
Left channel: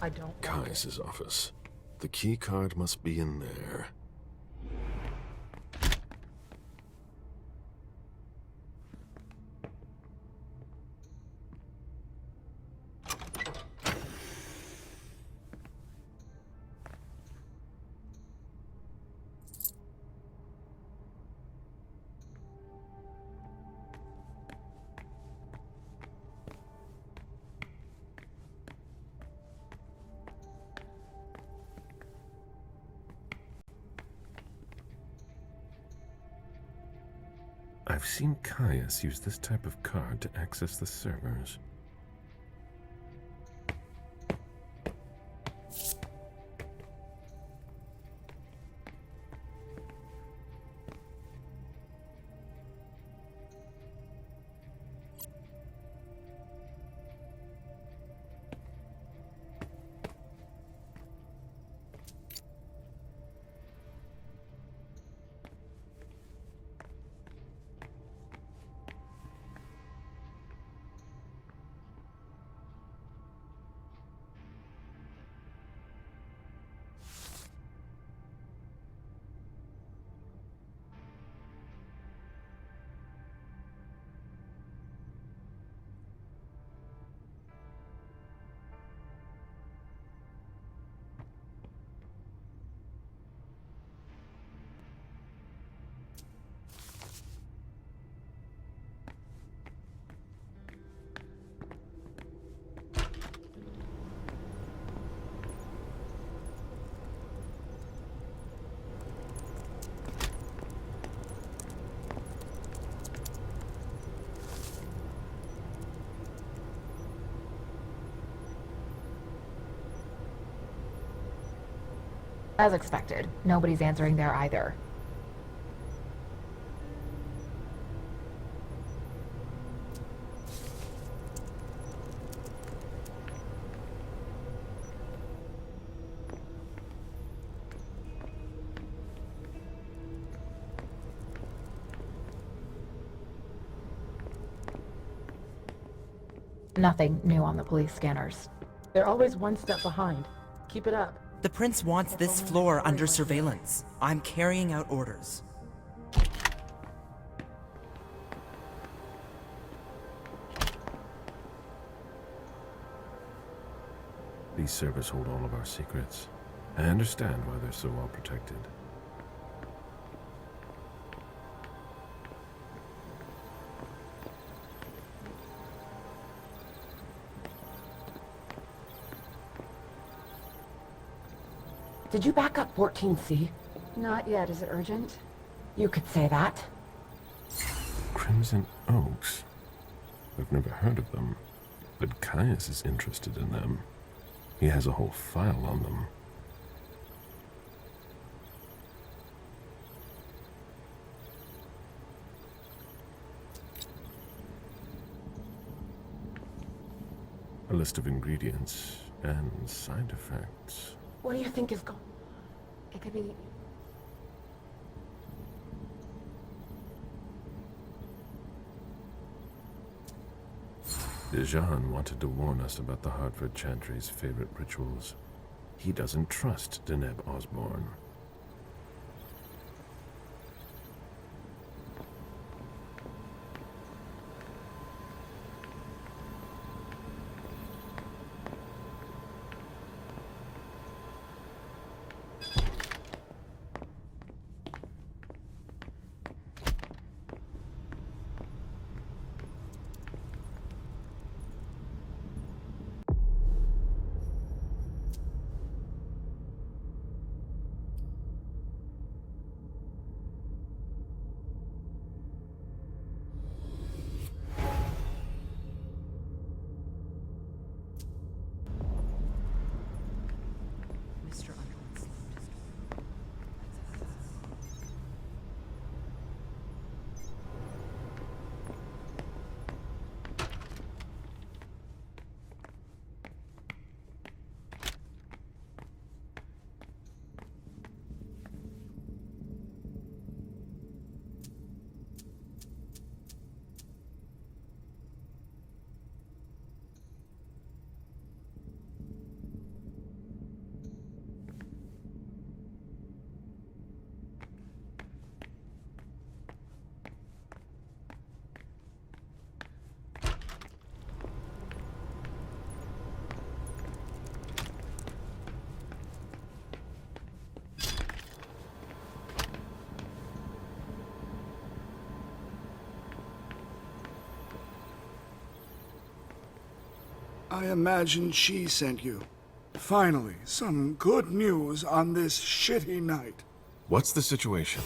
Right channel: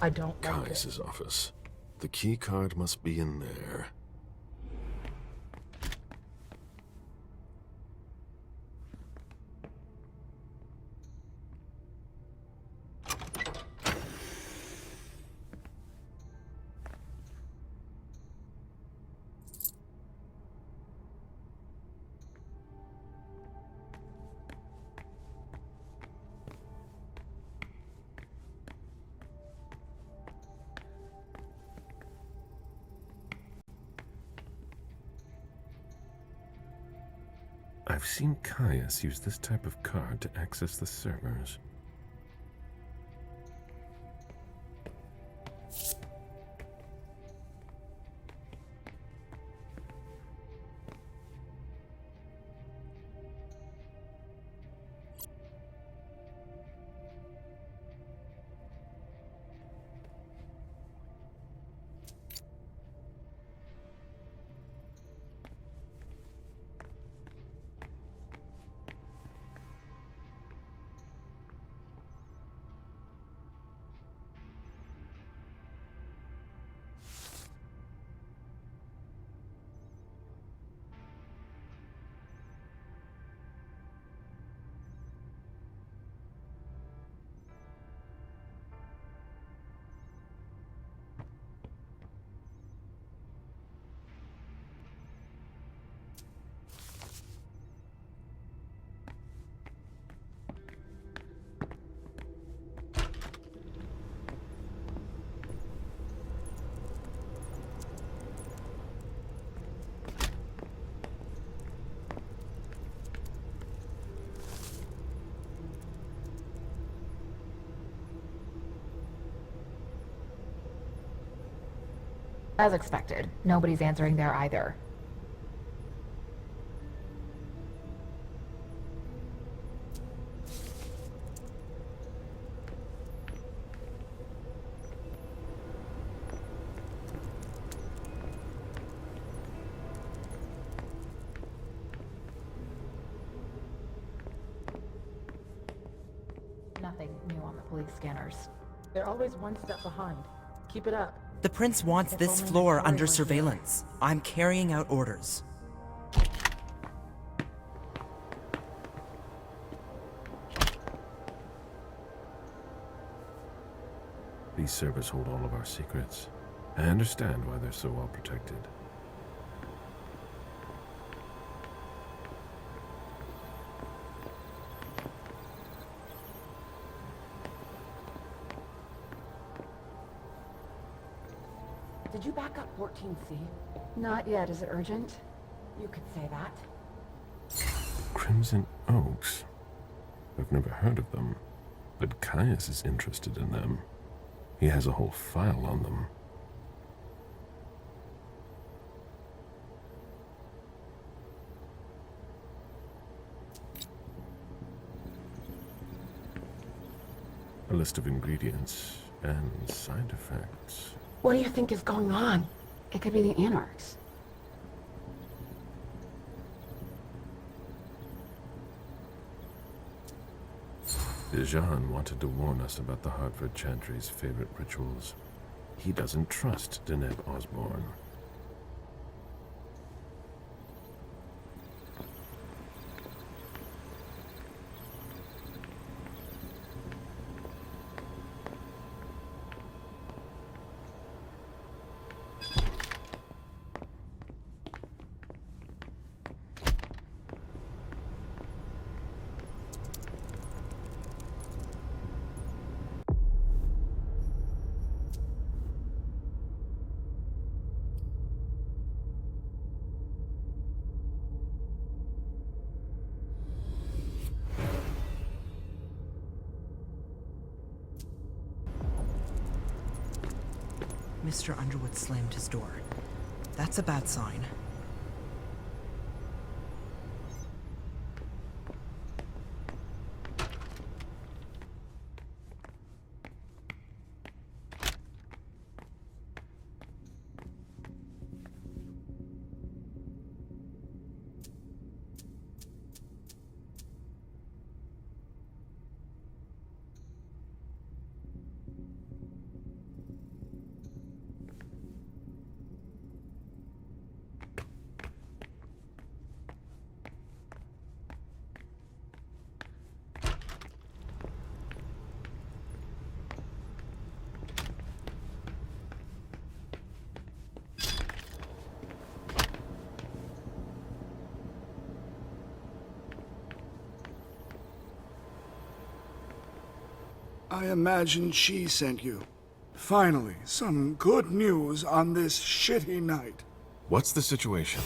I don't like it. Caius's office. The key card must be in there. I've seen Caius use this type of card to access the servers. As expected, nobody's answering there either. Nothing new on the police scanners. They're always one step behind. Keep it up. The prince wants this floor under surveillance. I'm carrying out orders. These servers hold all of our secrets. I understand why they're so well protected. Did you back up 14C? Not yet. Is it urgent? You could say that. Crimson Oaks. I've never heard of them, but Caius is interested in them. He has a whole file on them. A list of ingredients and side effects. What do you think is going on? It could be the Anarchs. Dejan wanted to warn us about the Hartford Chantry's favorite rituals. He doesn't trust Deneb Osborne. Mr. Underwood slammed his door. That's a bad sign. I imagine she sent you. Finally, some good news on this shitty night. What's the situation?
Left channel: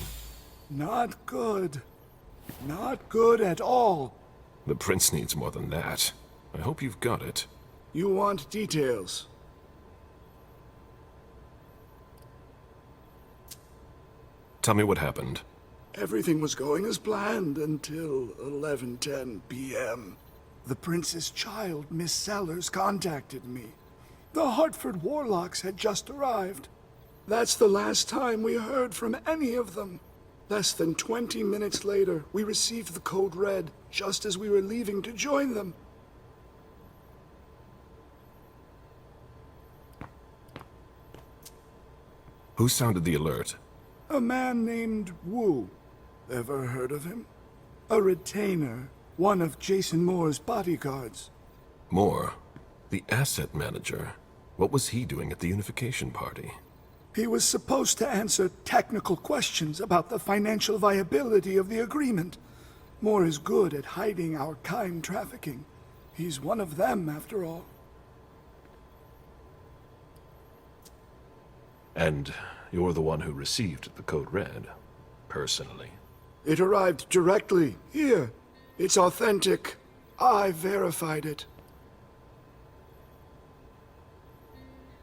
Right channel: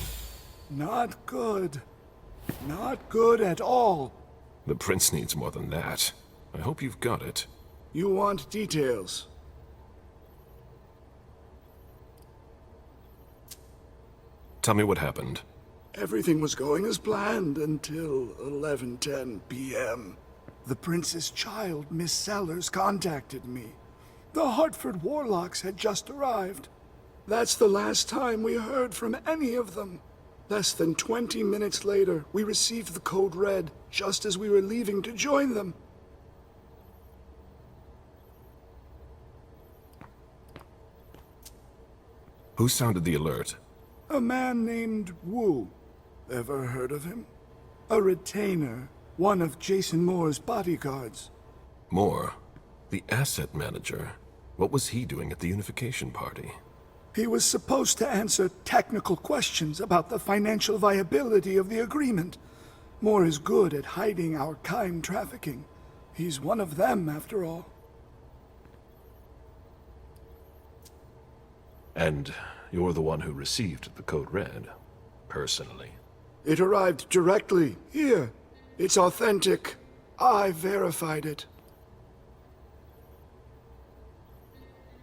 Not good. Not good at all. The prince needs more than that. I hope you've got it. You want details. Tell me what happened. Everything was going as planned until 11:10 p.m. The prince's child, Miss Sellers, contacted me. The Hartford Warlocks had just arrived. That's the last time we heard from any of them. Less than 20 minutes later, we received the code red, just as we were leaving to join them. Who sounded the alert? A man named Wu. Ever heard of him? A retainer, one of Jason Moore's bodyguards. Moore? The asset manager? What was he doing at the unification party? He was supposed to answer technical questions about the financial viability of the agreement. Moore is good at hiding our kind trafficking. He's one of them, after all. And you're the one who received the code red, personally? It arrived directly, here. It's authentic. I verified it.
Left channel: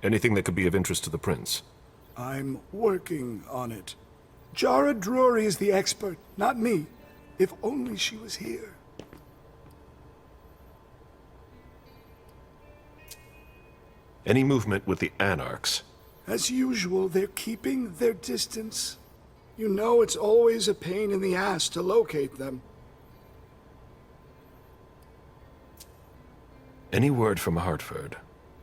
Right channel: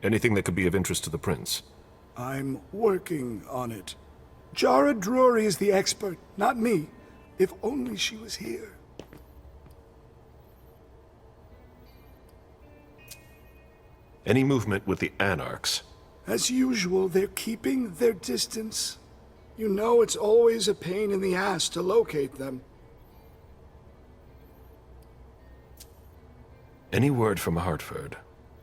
Anything that could be of interest to the prince? I'm working on it. Jara Drury is the expert, not me. If only she was here. Any movement with the Anarchs? As usual, they're keeping their distance. You know it's always a pain in the ass to locate them. Any word from Hartford?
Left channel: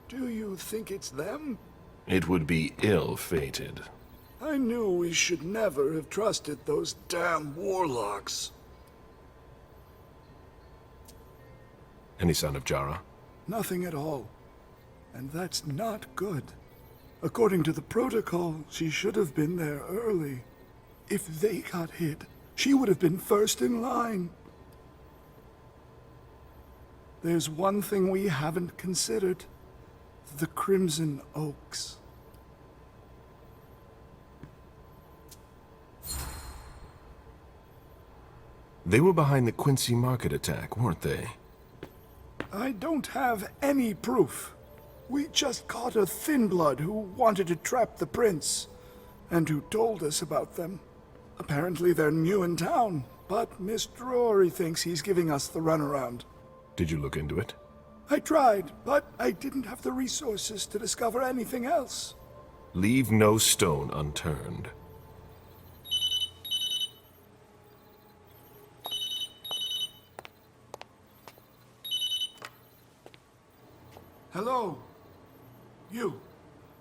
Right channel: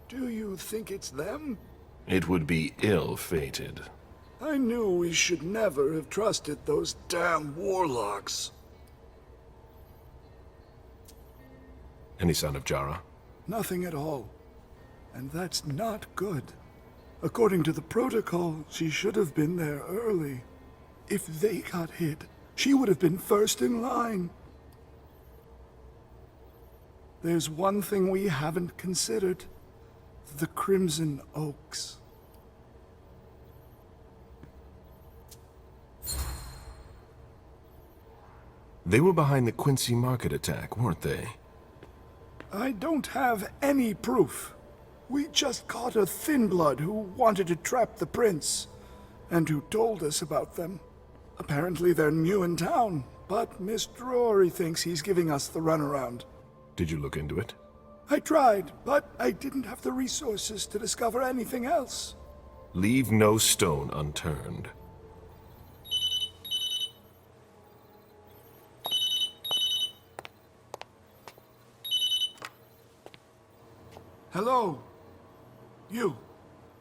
Do you think it's them? It would be ill-fated. I knew we should never have trusted those damn warlocks. Any sign of Jara? Nothing at all. And that's not good. According to the protocol, she should have been there early. If they got hit, she would have been first in line. There's one thing we haven't considered. The Crimson Oaks. They were behind the Quincy Market attack, weren't they? I don't have any proof. We just caught a thin blood who wanted to trap the prince, and who told us about them. Apparently they're new in town, but Mr. Rory thinks he's giving us the runaround. Did you look into it? I tried, but I didn't have the resources to discover anything else. Leave no stone unturned. Hello? You.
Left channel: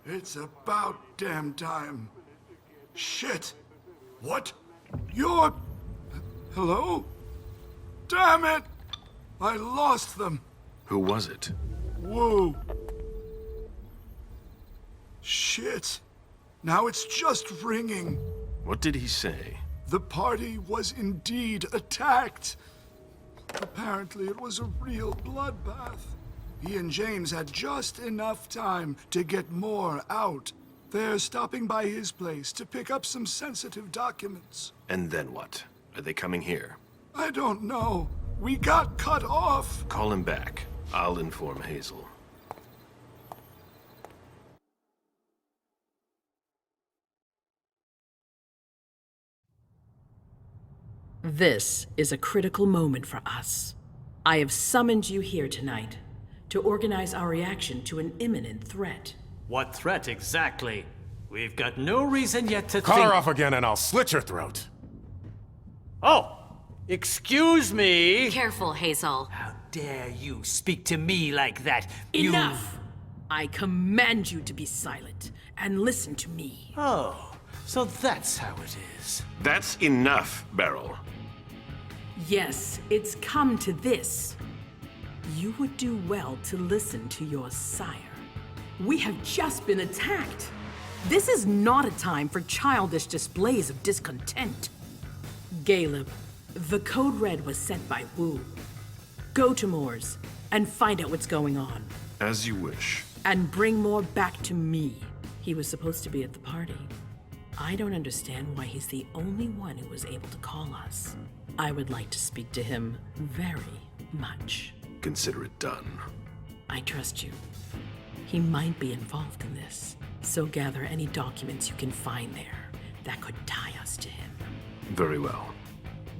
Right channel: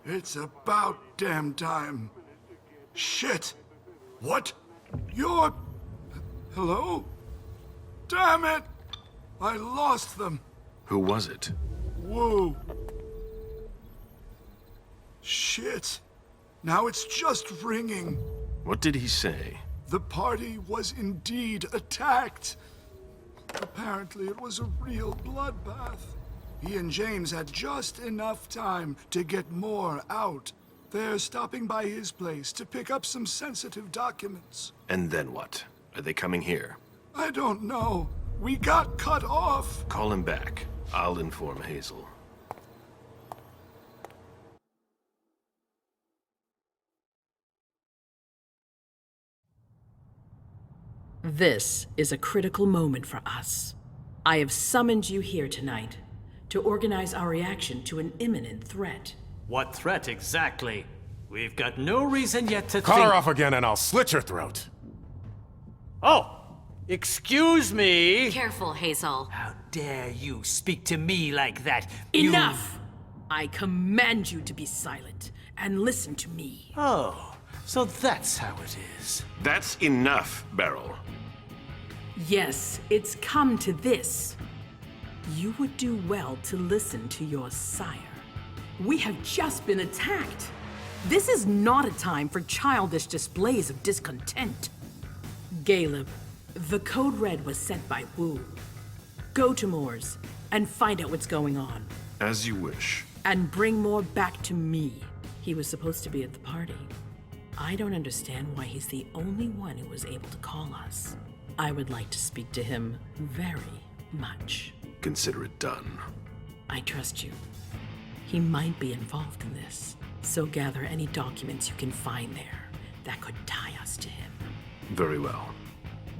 It's about damn time. Shit! What? You're... Hello? Damn it! I lost them. Who was it? Whoa. Shit. Now it's just ringing. What did he say? The party was indeed attacked. Apparently it was a real bloodbath. He and James had just enough time to get more out. They're stopping by his place to pick up some sensitive documents. And then what? Are they coming here? I don't know. We got cut off. Call him back. I'll inform Hazel. This is a critical moment for us. I have summoned you here tonight to organize our reaction to an imminent threat. What threat exactly? We've got no reason yet to Call think... her off again and I'll slit your throat. Oh! Excuse me! Careful, Hazel. How dare you speak to me like that? Enough! I command you to be silent and listen to me. Oh, so that's how it is. That's enough, Beryl. Yes, it's come to this. You would do well to listen to your sire. We have just been attacked. This is not a time for childish displays of discontent. Caleb, the code red was sent by Wu. Go to Moore's and find out what's going on. As you wish. And bring Moore back to me. He was supposed to be at the party. I don't understand why he's the only one who was able to call us. I would like to speak to him very much. Consider it done. I trust you. He might be involved in this, so gather any documents you can find there that could tie us to him. Very well.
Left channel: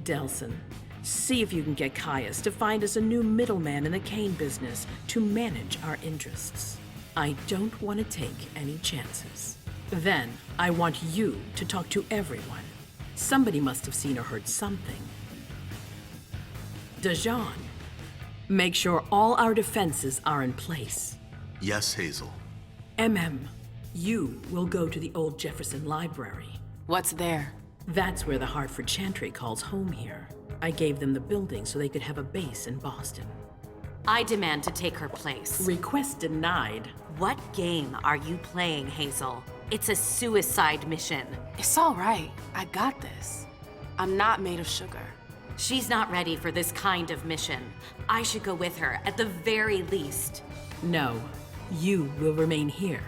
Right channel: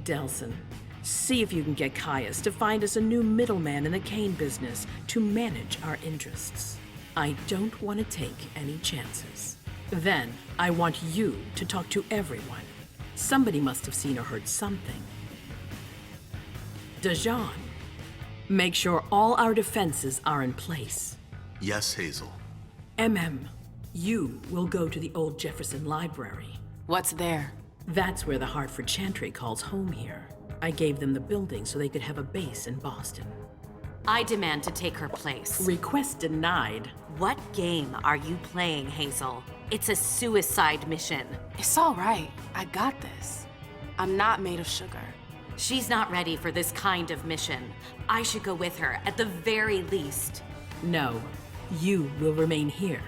Delson, see if you can get Caius to find us a new middleman in the cane business to manage our interests. I don't want to take any chances. Then, I want you to talk to everyone. Somebody must have seen or heard something. Dajan, make sure all our defenses are in place. Yes, Hazel. You will go to the old Jefferson Library. What's there? That's where the Hartford Chantry calls home here. I gave them the building so they could have a base in Boston. I demand to take her place. Request denied. What game are you playing, Hazel? It's a suicide mission. It's all right. I got this. I'm not made of sugar. She's not ready for this kind of mission. I should go with her, at the very least. No, you will remain here.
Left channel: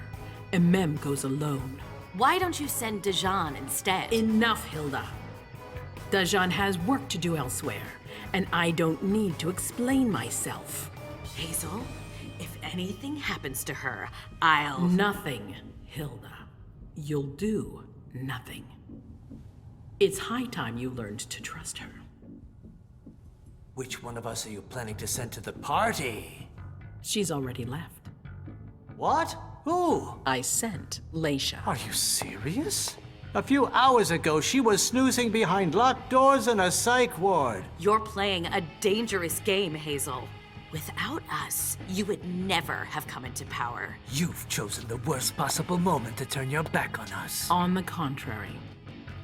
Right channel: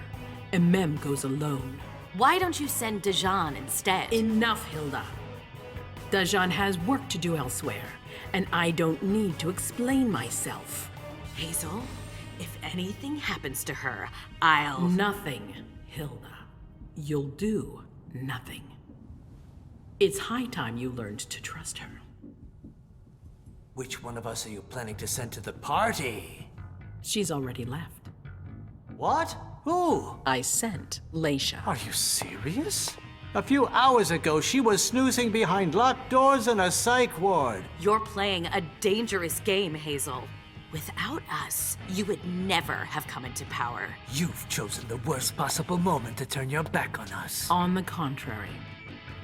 Goes alone. Why don't you send Dajan instead? Enough, Hilda. Dajan has work to do elsewhere, and I don't need to explain myself. Hazel, if anything happens to her, I'll... Nothing, Hilda. You'll do nothing. It's high time you learned to trust her. Which one of us are you planning to send to the party? She's already left. What? Who? I sent Leisha. Are you serious? A few hours ago, she was snoozing behind locked doors in a psych ward. You're playing a dangerous game, Hazel. Without us, you would never have come into power. You've chosen the worst possible moment to turn your back on us. On the contrary,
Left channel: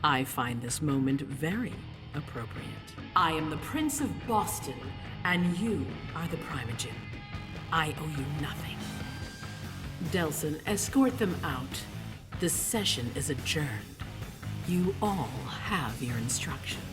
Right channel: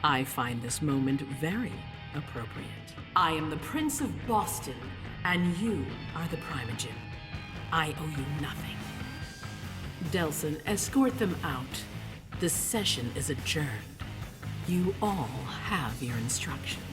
I find this moment very appropriate. I am the Prince of Boston, and you are the Primogen. I owe you nothing. Delson, escort them out. The session is adjourned. You all have your instructions.